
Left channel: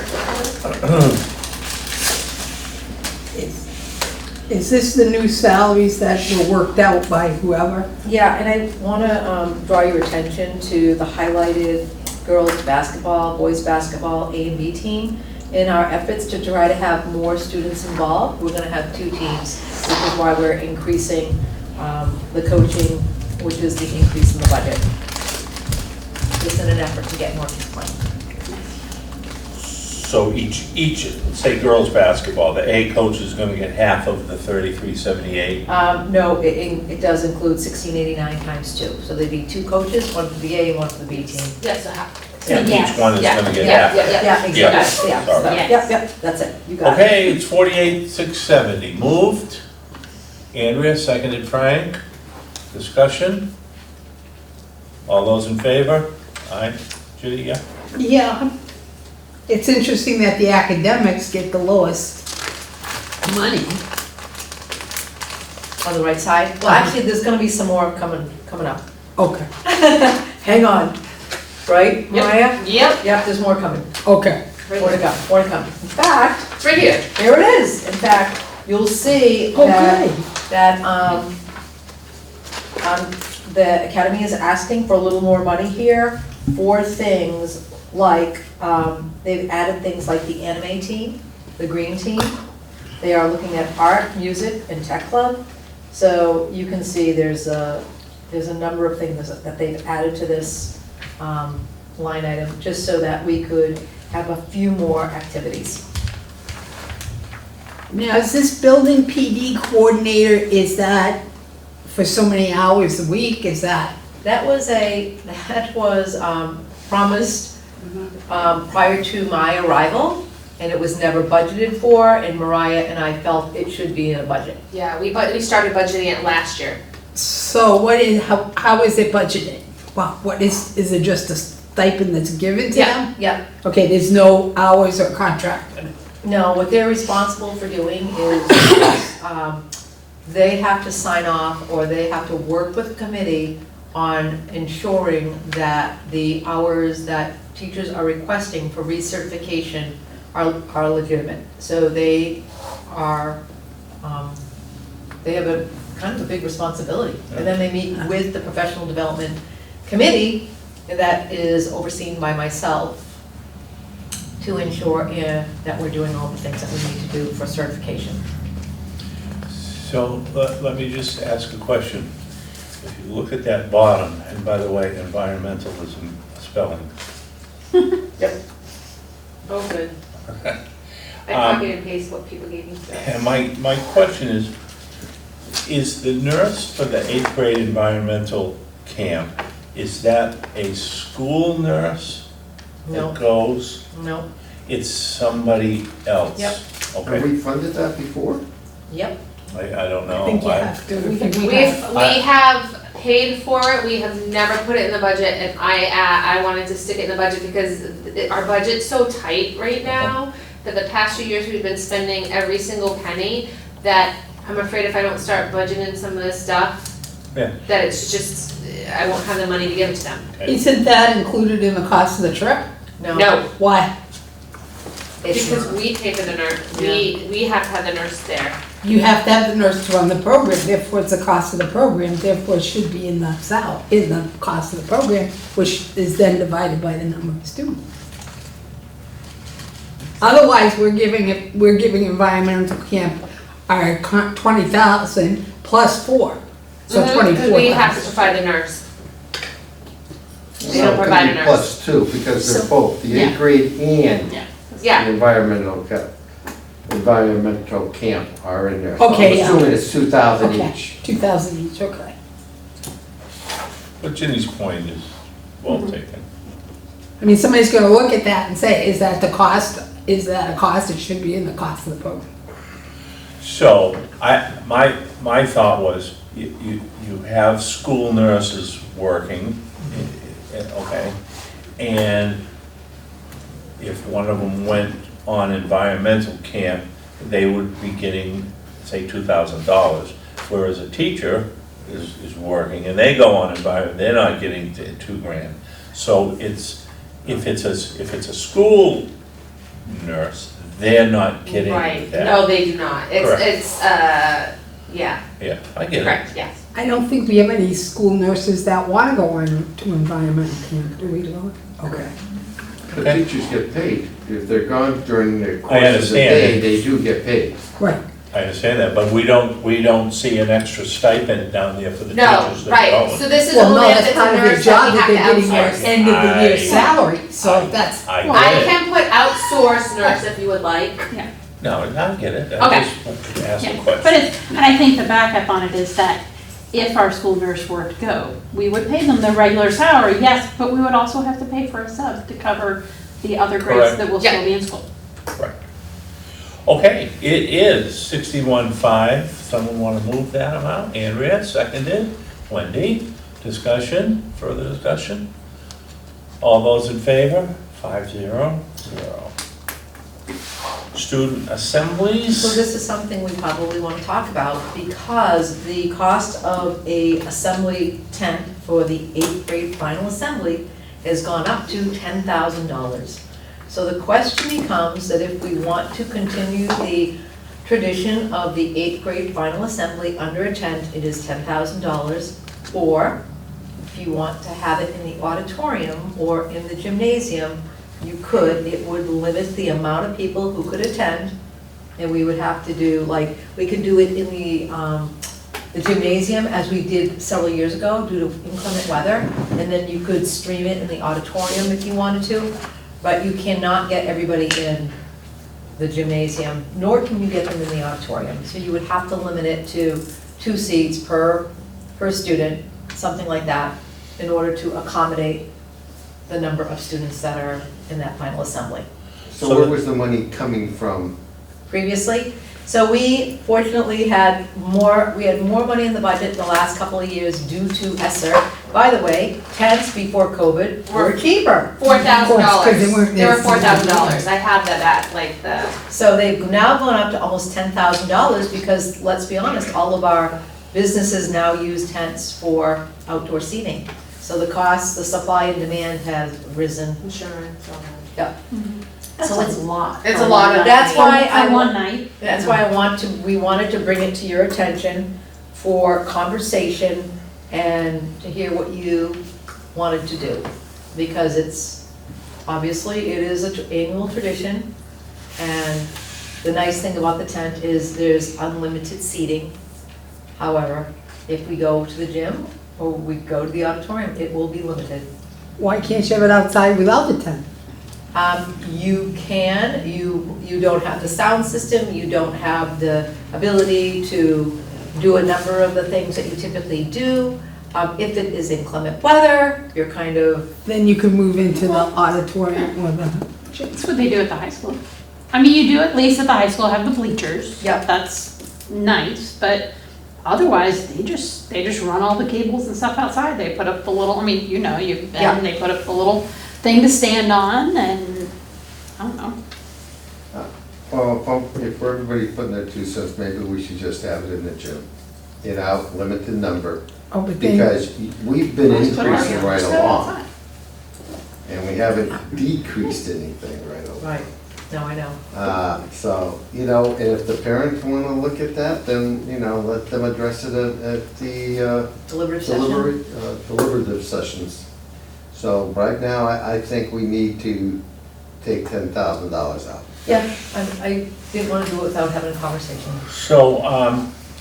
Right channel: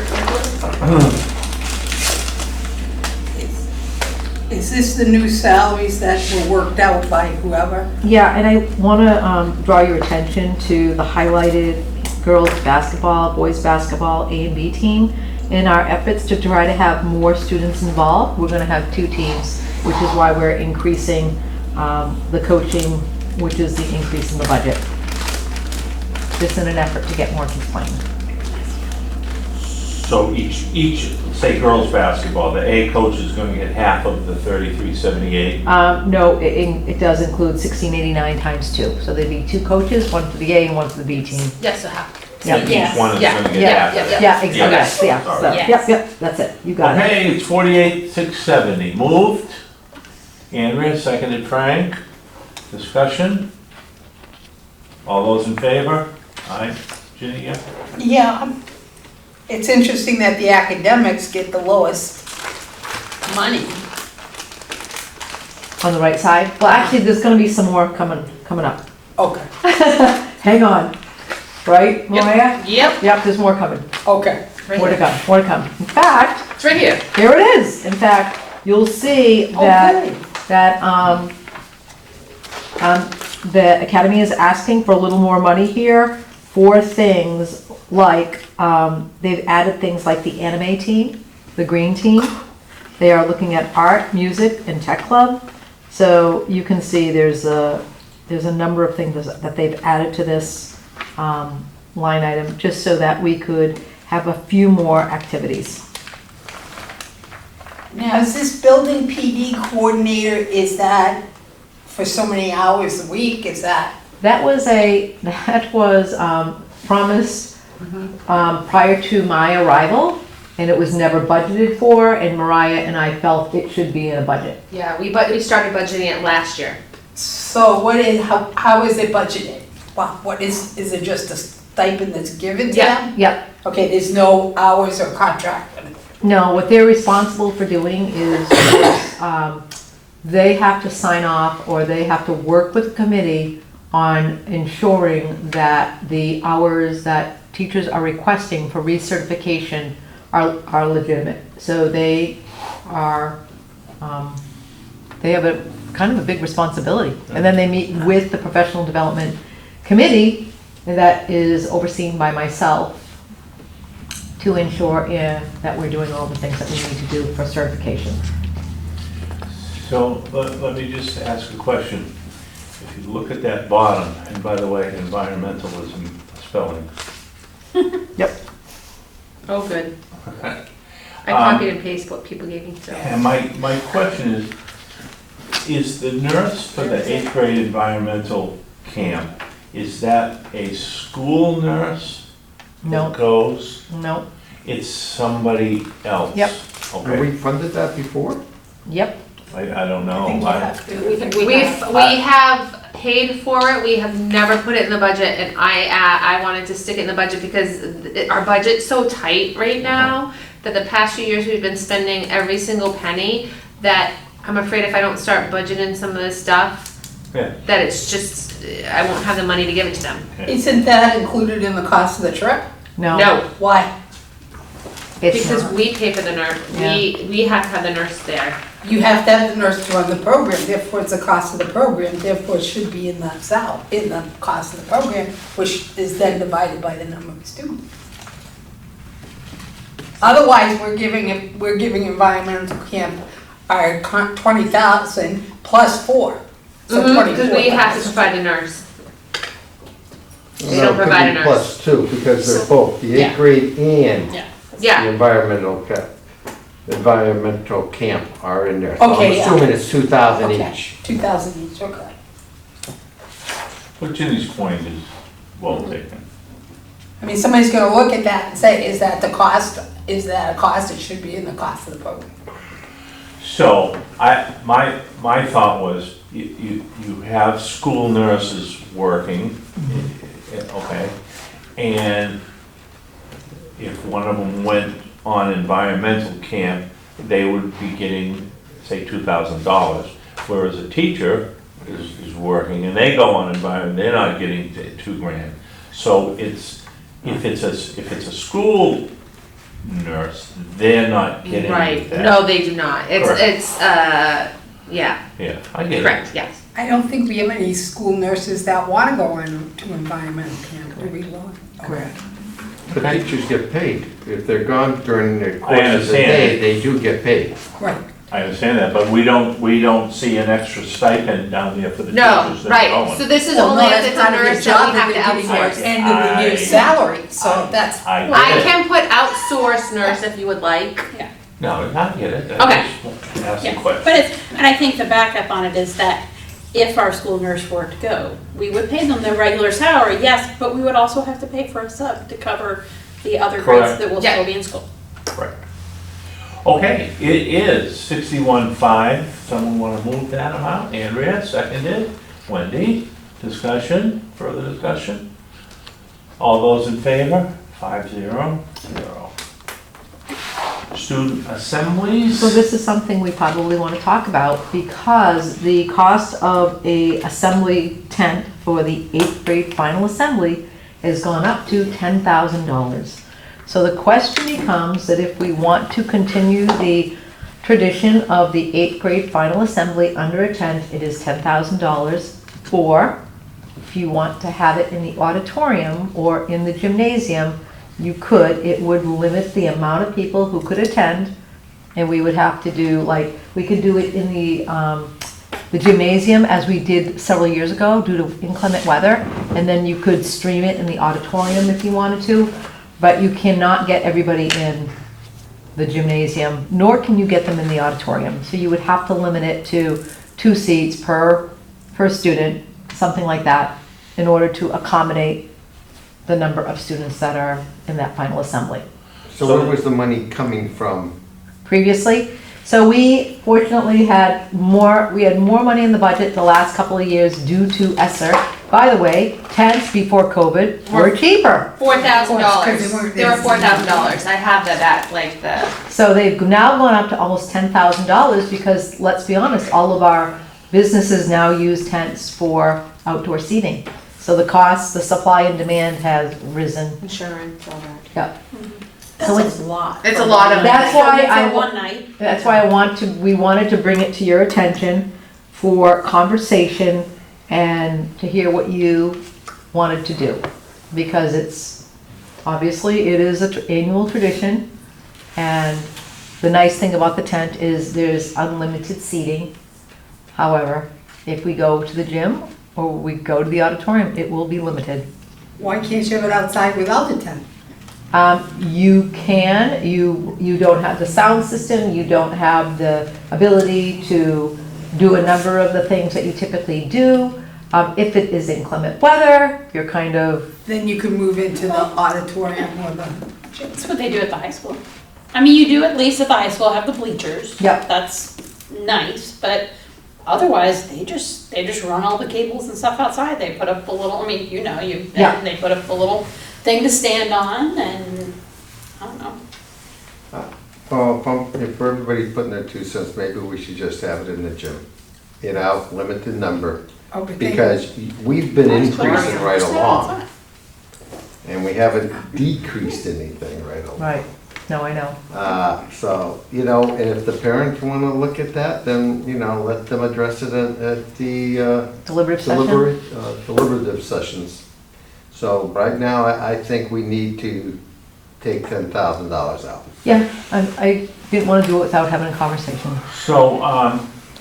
Is this the new salaries that were worked out by whoever? Yeah, and I want to draw your attention to the highlighted girls basketball, boys basketball A and B team. In our efforts to try to have more students involved, we're going to have two teams. which is why we're increasing the coaching, which is the increase in the budget. Just in an effort to get more kids playing. So each, say girls' basketball, the A coach is gonna get half of the 3378? No, it does include 1689 times 2. So there'd be 2 coaches, one for the A and one for the B team. Yes, so how? Yeah. Each one is gonna get Yeah, half. yeah, yeah. Yeah, exactly, yeah. Sorry. So, Yep, that's it, you got it. Okay, it's 48,670. Moved. Andrea, seconded Frank. Discussion? All those in favor? Aye. Judy, yeah? Yeah, it's interesting that the academics get the lowest money. On the right side? Well, actually, there's gonna be some more coming up. Okay, Hang on. Right, Mariah? Yep, Yep, there's more coming. okay. More to come, more to come. In fact, it's right here. here it is. In fact, you'll see Okay. that the Academy is asking for a little more money here for things like, they've added things like the anime team, the green team. They are looking at art, music, and tech club. So you can see there's a number of things that they've added to this line item, just so that we could have a few more activities. Now, is this building PD coordinator, is that for so many hours a week, is that? That was promised prior to my arrival, and it was never budgeted for, and Mariah and I felt it should be in a budget. Yeah, we started budgeting it last year. So how is it budgeted? Well, what is it just a stipend that's given to Yeah. them? Yep. Okay, there's no hours or contract. No, what they're responsible for doing is, they have to sign off, or they have to work with the committee on ensuring that the hours that teachers are requesting for recertification are legitimate. So they are, they have a kind of a big responsibility. And then they meet with the professional development committee that is overseen by myself to ensure that we're doing all the things that we need to do for certification. So let me just ask a question. If you look at that bottom, and by the way, environmentalism spelling. Oh, good. I Um, copied and pasted what people gave me, so. And my question is the nurse for the 8th grade environmental camp, is that a school nurse No, that goes? no, It's somebody else? Yep. Okay, we funded that before? yep. I don't know. I think you have to. We have paid for it, we have never put it in the budget, and I wanted to stick it in the budget because our budget's so tight right now, that the past few years we've been spending every single penny, that I'm afraid if I don't start budgeting some of this stuff, Yeah. that it's just, I won't have the money to give it to them. Isn't that included in the cost of the trip? No. No, Why? It's because not. we pay for the nurse, we have to have the nurse there. You have to have the nurse to run the program, therefore it's the cost of the program, therefore it should be in the cost of the program, which is then divided by the number of students. Otherwise, we're giving environmental camp our 20,000 plus 4, so Because 24,000. we have to provide the nurse. They No, don't it could provide be a nurse. Plus 2, because they're both, the Yeah. 8th grade and Yeah, the environmental camp are in there. Okay, So I'm assuming it's 2,000 Okay, each. 2,000 each, okay. But Ginny's point is well taken. I mean, somebody's gonna look at that and say, is that the cost? Is that a cost? It should be in the cost of the program. So, my thought was, you have school nurses working, okay? And if one of them went on environmental camp, they would be getting, say, $2,000. Whereas a teacher is working and they go on environment, they're not getting $2,000. So if it's a school nurse, they're not getting right, that. no, they do not, Correct. yeah, Yeah, I get it. correct, yes. I don't think we have any school nurses that wanna go on to environmental camp, do we, Lord? Okay. The teachers get paid. If they're gone during the I course of the understand. day, they do get paid. Right, I understand that, but we don't see an extra stipend down there for the No, teachers that are right, going. so this is Well, only no, if that's it's a part of your nurse job, that we that have they're to getting your outsource. end of the year salary, so that's. I I get it. can put outsource nurse if you would like. No, I get it. Okay. I just asked a Yeah, question. but it's, and I think the backup on it is that if our school nurse were to go, we would pay them their regular salary, yes, but we would also have to pay for a sub to cover the other grades Correct. that will Yeah. still be in school. Correct. Okay, it is 61.5. Someone want to move that amount? Andrea, seconded. Wendy, discussion, further discussion? All those in favor? 5-0. Student assemblies? So this is something we probably want to talk about because the cost of a assembly tent for the 8th grade final assembly has gone up to $10,000. So the question becomes that if we want to continue the tradition of the 8th grade final assembly under a tent, it is $10,000. Or if you want to have it in the auditorium or in the gymnasium, you could. It would limit the amount of people who could attend, and we would have to do, like, we could do it in the gymnasium as we did several years ago due to inclement weather, and then you could stream it in the auditorium if you wanted to, but you cannot get everybody in the gymnasium, nor can you get them in the auditorium. So you would have to limit it to 2 seats per student, something like that, in order to accommodate the number of students that are in that final assembly So where was the money coming from? previously. So we fortunately had more money in the budget the last couple of years due to ESSER. By the way, tents before COVID were cheaper. Because they weren't- They were $4,000. I have that at like the, So they've now gone up to almost $10,000 because, let's be honest, all of our businesses now use tents for outdoor seating. So the cost, the supply and demand has risen. insurance, all that. Yep. That's So it's a lot. It's for a lot one of- night. That's why For I one night. That's why we wanted to bring it to your attention for conversation and to hear what you wanted to do. Because obviously, it is an annual tradition, and the nice thing about the tent is there's unlimited seating. However, if we go to the gym or we go to the auditorium, it will be limited. Why can't you have it outside without the tent? You can, you don't have the sound system, you don't have the ability to do a number of the things that you typically do. If it is inclement weather, you're kind of, Then you could move into the auditorium or the. That's what they do at the high school. I mean, you do at least at the high school, have the bleachers. Yep. That's nice, but otherwise, they just run all the cables and stuff outside. They put up the little, I mean, Yeah. and they put up the little thing to stand on, and, I don't know. Well, if everybody's putting their 2 cents, maybe we should just have it in the gym. Limited number, Oh, but then- because we've been Just put it increasing on. right Just have it along, outside. and we haven't decreased anything right along. right, no, I know. So, and if the parents want to look at that, then, let them address it at the Deliberative session? deliberative sessions. So right now, I think we need to take $10,000 out. Yeah, I didn't want to do it without having a conversation. So,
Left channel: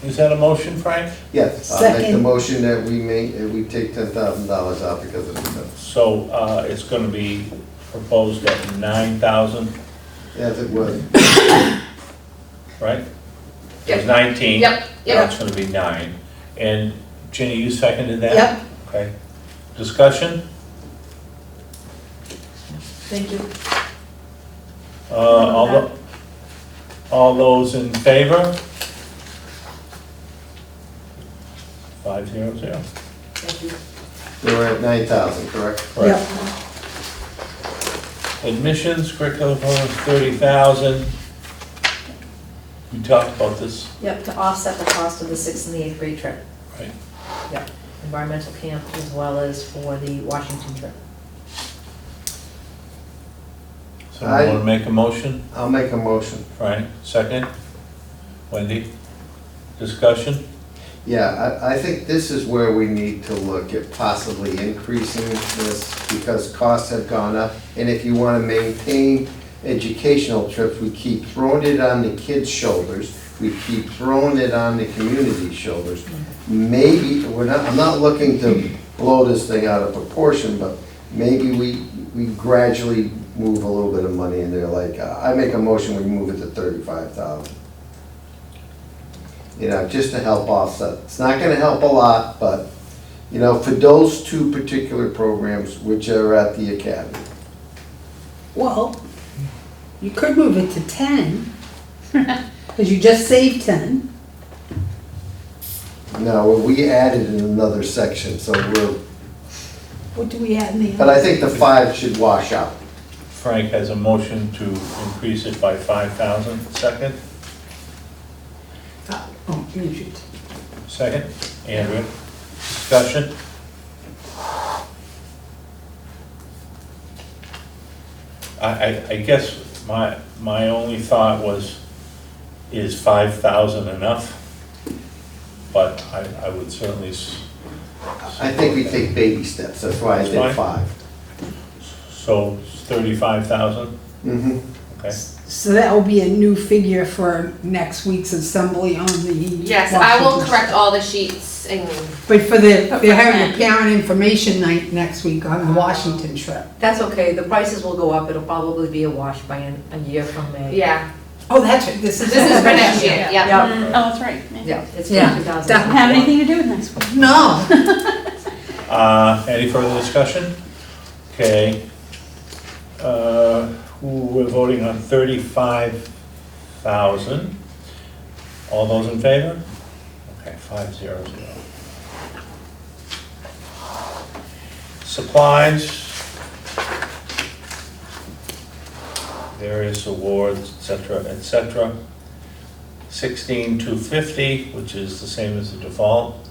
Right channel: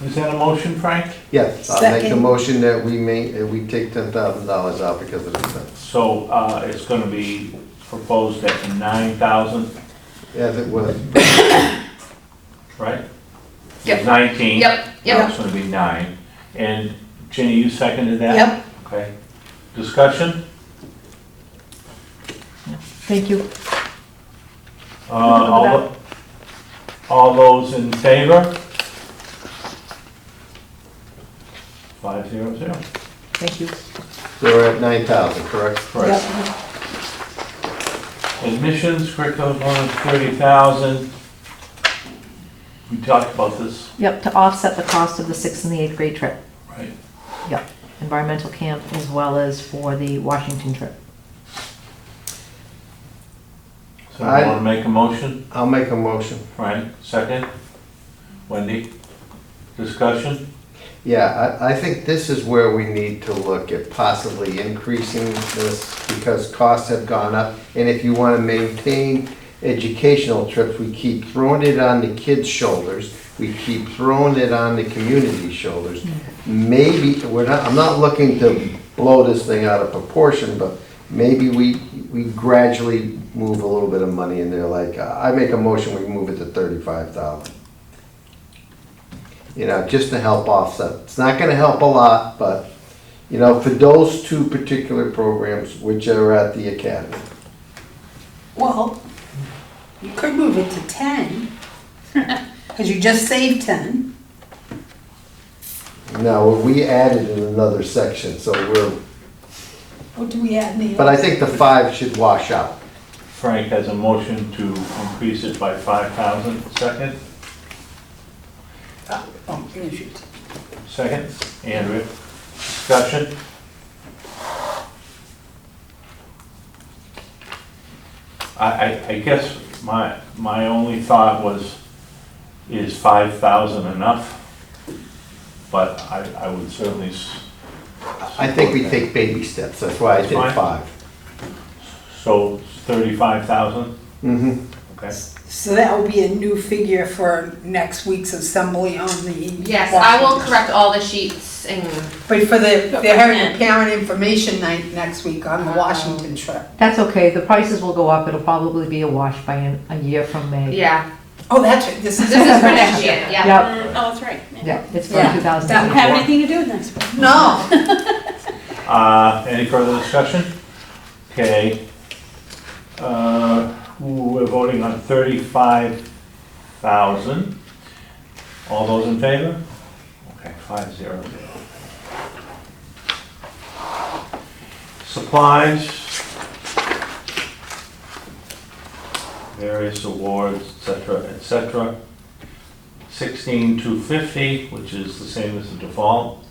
is that a motion, Frank? Yes, I'll make a Second. motion that we take $10,000 out because of the fence. So, it's gonna be proposed at 9,000, As it was. right? It Yep. was 19. Yep, Now it's gonna be 9. And Ginny, you seconded that? Yep. Okay. Discussion? Thank you. All those in favor? 5-0-0. Thank you. So we're at 9,000, correct? Correct. Admissions, curriculum components, 30,000. We talked about this, Yep, to offset the cost of the 6th and the 8th grade trip. right? Yep, environmental camp as well as for the Washington trip. Someone want to make a motion? I'll make a motion. Frank, second? Wendy? Discussion? Yeah, I think this is where we need to look at possibly increasing this because costs have gone up. And if you want to maintain educational trips, we keep throwing it on the kids' shoulders. we keep throwing it on the community shoulders. Maybe, I'm not looking to blow this thing out of proportion, but maybe we gradually move a little bit of money in there, like, I make a motion, we move it to 35,000. You know, just to help offset. It's not gonna help a lot, but, you know, for those two particular programs, which are at the academy. Well, you could move it to 10, because you just saved 10. Now, we added in another section, so What do we add in the? but I think the 5 should wash out. Frank has a motion to increase it by 5,000. Second? Oh, you should. Second? Andrew? Discussion? I guess my only thought was, is 5,000 enough? But I would certainly. I think we take baby steps, that's why I That's fine. did 5. So 35,000? Mm-hmm. Okay. So that will be a new figure for next week's assembly on the. Yes, I will Washington. correct all the sheets and, But for they're having a But- parent information night next week on the Washington trip. That's okay, the prices will go up, it'll probably be a wash by a year from May. yeah, Oh, that's right, this is. this is for next year, yeah. Yeah, Oh, that's right. yeah, it's Yeah. from 2000. Doesn't have anything to do with next week. No. Any further discussion? Okay. We're voting on 35,000. All those in favor? Okay, 500. Supplies. Various awards, et cetera. 16,250, which is the same as the default.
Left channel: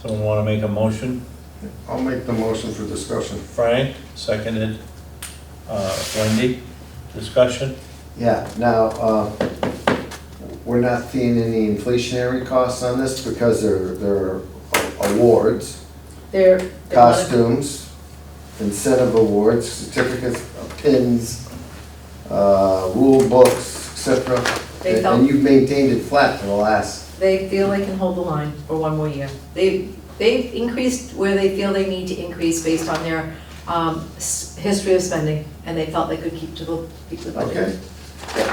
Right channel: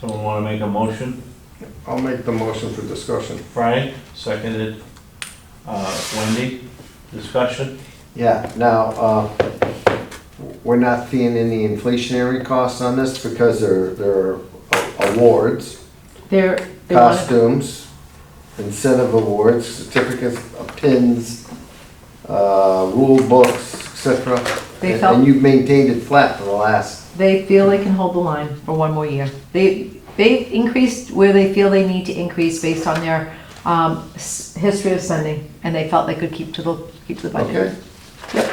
Someone want to make a motion? I'll make the motion for discussion. Frank, seconded. Wendy, discussion? Yeah, now, we're not seeing any inflationary costs on this because they're awards, They're on- costumes, incentive awards, certificates, pins, rule books, etc. They felt- And you've maintained it flat for the last, They feel they can hold the line for one more year. They've increased where they feel they need to increase based on their history of spending, and they felt they could keep the budget. okay?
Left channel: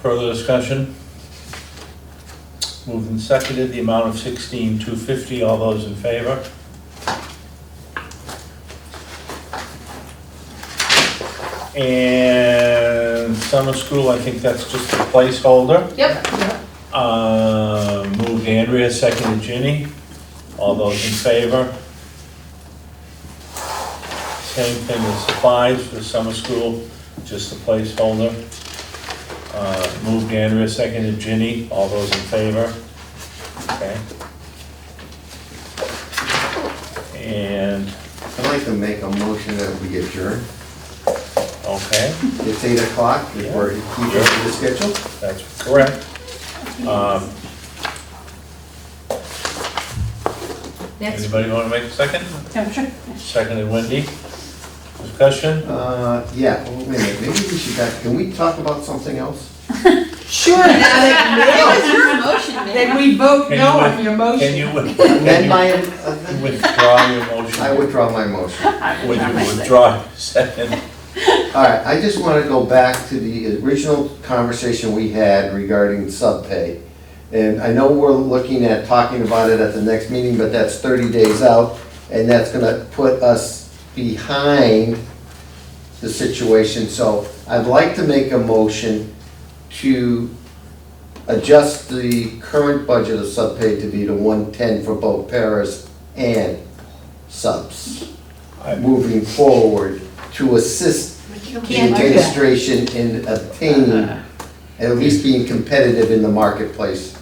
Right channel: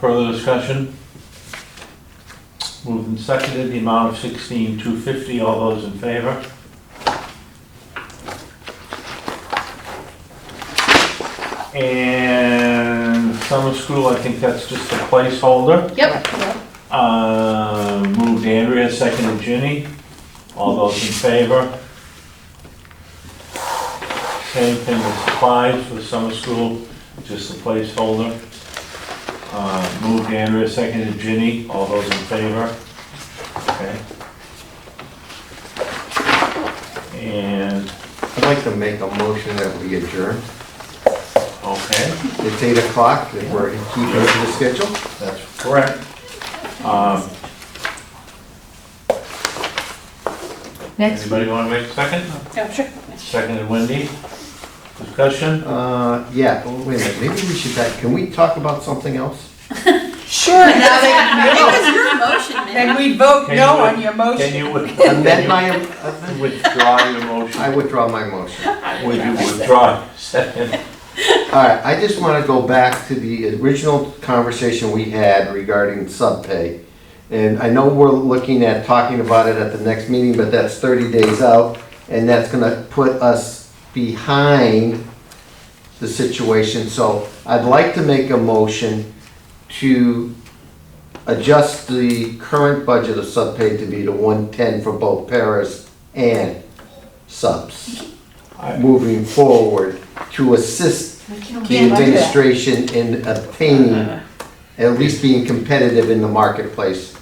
Further discussion? Moved and seconded, the amount of 16,250, all those in favor? And summer school, I think that's just a placeholder. Yep, Moved Andrea, seconded Ginny, all those in favor? Same thing with supplies for the summer school, just a placeholder. Moved Andrea, seconded Ginny, all those in favor? Okay. And, I'd like to make a motion that we adjourn. okay, It's 8 o'clock, if we're keeping to the schedule. that's correct. Next, Anybody want to make a second? Yeah, sure. Seconded Wendy. Discussion? Yeah, wait a minute, maybe we should, can we talk about something else? Sure, now that It you was know, your motion, then man. we vote Can you no with- on your Can motion. you Amend my, withdraw your motion? I withdraw my motion. Would you withdraw? Second. All right, I just want to go back to the original conversation we had regarding subpay. And I know we're looking at talking about it at the next meeting, but that's 30 days out, and that's going to put us behind the situation. So I'd like to make a motion to adjust the current budget of subpay to be to 110 for both paras and subs, moving forward to assist the administration in obtaining, at least being competitive in the marketplace.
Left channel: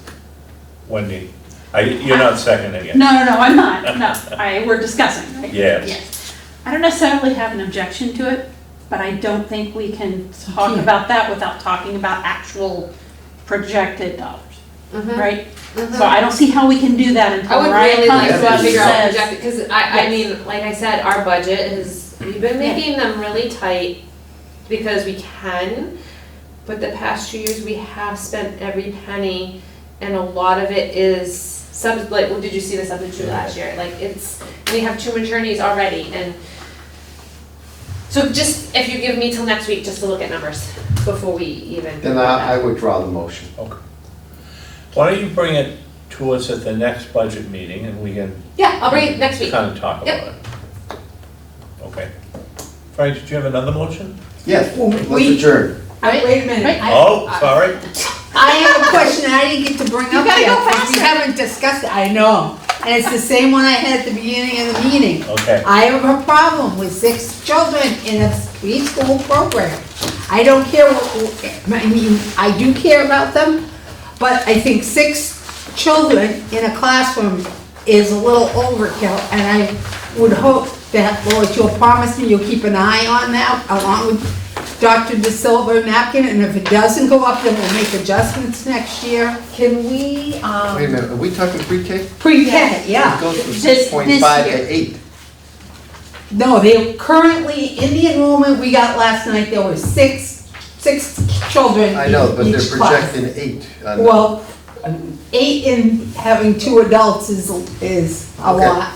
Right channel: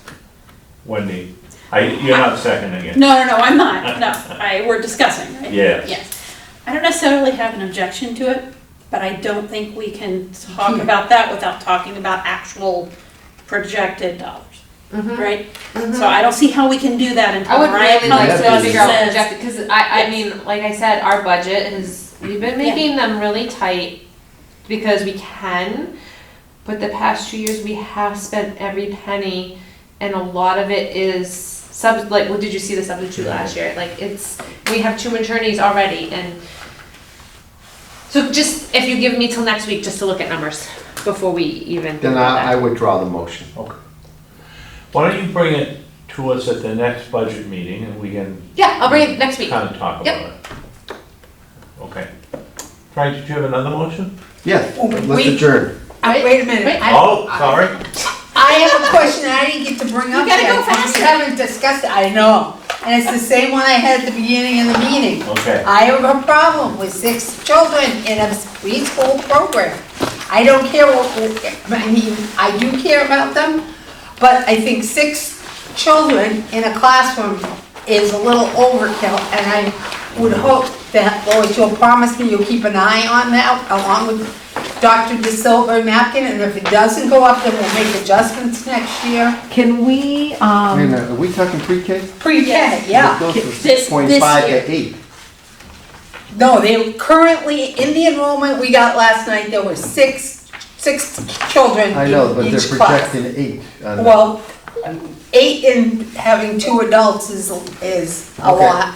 Wendy, you're not seconding it. No, I'm not, no, we're discussing, right? Yes. I don't necessarily have an objection to it, but I don't think we can talk can't. about that without talking about actual projected dollars, Mhm. right? So I don't see how we can do that I until would Ryan really like comes to and figure out says. projected, because I mean, like I said, our budget is, we've been making them really tight because we can, but the past 2 years, we have spent every penny, and a lot of it is like, what did you see the substitute last year? Like, we have 2 attorneys already, and so just, if you give me till next week, just to look at numbers before we even. Then I withdraw the motion. Okay. Why don't you bring it to us at the next budget meeting and we can Yeah, I'll bring it next week. kind of talk about Yep. it? Okay. Frank, did you have another motion? Yes, let's We- adjourn. Wait a minute. Oh, sorry. I have a question I didn't get to bring up gotta yet, go 'cause we faster. haven't discussed it, I know. And it's the same one I had at the beginning of the meeting. Okay. I have a problem with 6 children in a preschool program. I don't care I mean, I do care about them, but I think 6 children in a classroom is a little overkill, and I would hope that, Lois, you'll promise me you'll keep an eye on that, along with Dr. De Silva and Napkin, and if it doesn't go up, then we'll make adjustments next year. Can we, Wait a minute, are we talking pre-K? Pre-K, yeah. It goes from This 6.5 year. to 8. No, they currently, in the enrollment we got last night, there were six children I know, but in they're each class. projecting 8. Well, 8 and having 2 adults is a Okay. lot,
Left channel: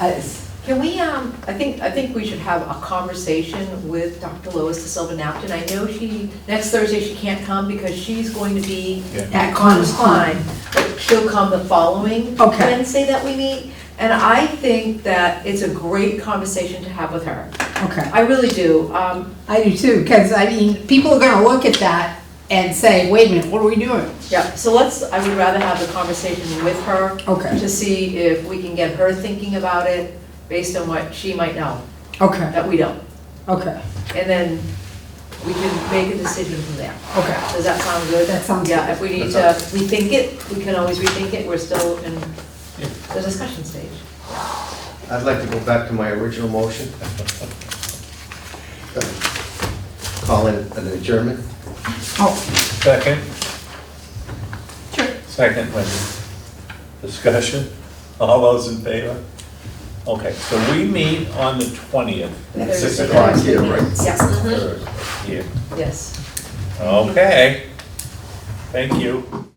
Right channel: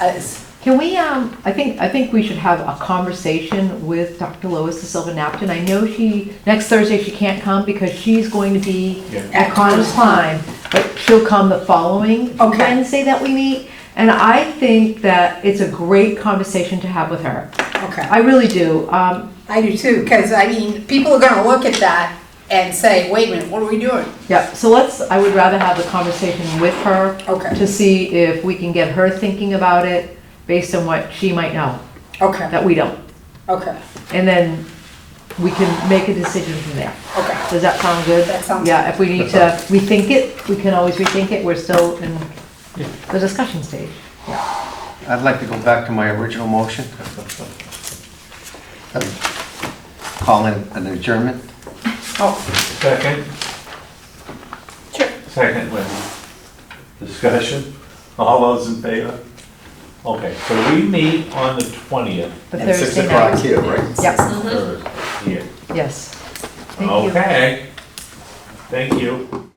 can we, I think we should have a conversation with Dr. Lois De Silva Napton. I know next Thursday she can't come because she's going to be Yeah. at Connor's Time, but she'll come the following Okay. Wednesday that we meet. And I think that it's a great conversation to have with her. okay. I really do. I do too, because I mean, people are gonna look at that and say, wait a minute, what are we doing? Yeah, so I would rather have a conversation with her Okay, to see if we can get her thinking about it based on what she might know, okay, that we don't. okay, And then we can make a decision from there. okay. Does that sound good? That sounds. Yeah, if we need to rethink it, we can always rethink it. We're still in Yeah. the discussion stage. I'd like to go back to my original motion. Call in an adjournment. Oh, Second? Sure. Second with discussion. All those in favor? Okay, so we meet on the 20th. The at 6 Thursday o'clock night. Here, right? Yep, Thursday. Yeah. yes. Thank you. Okay. Thank you.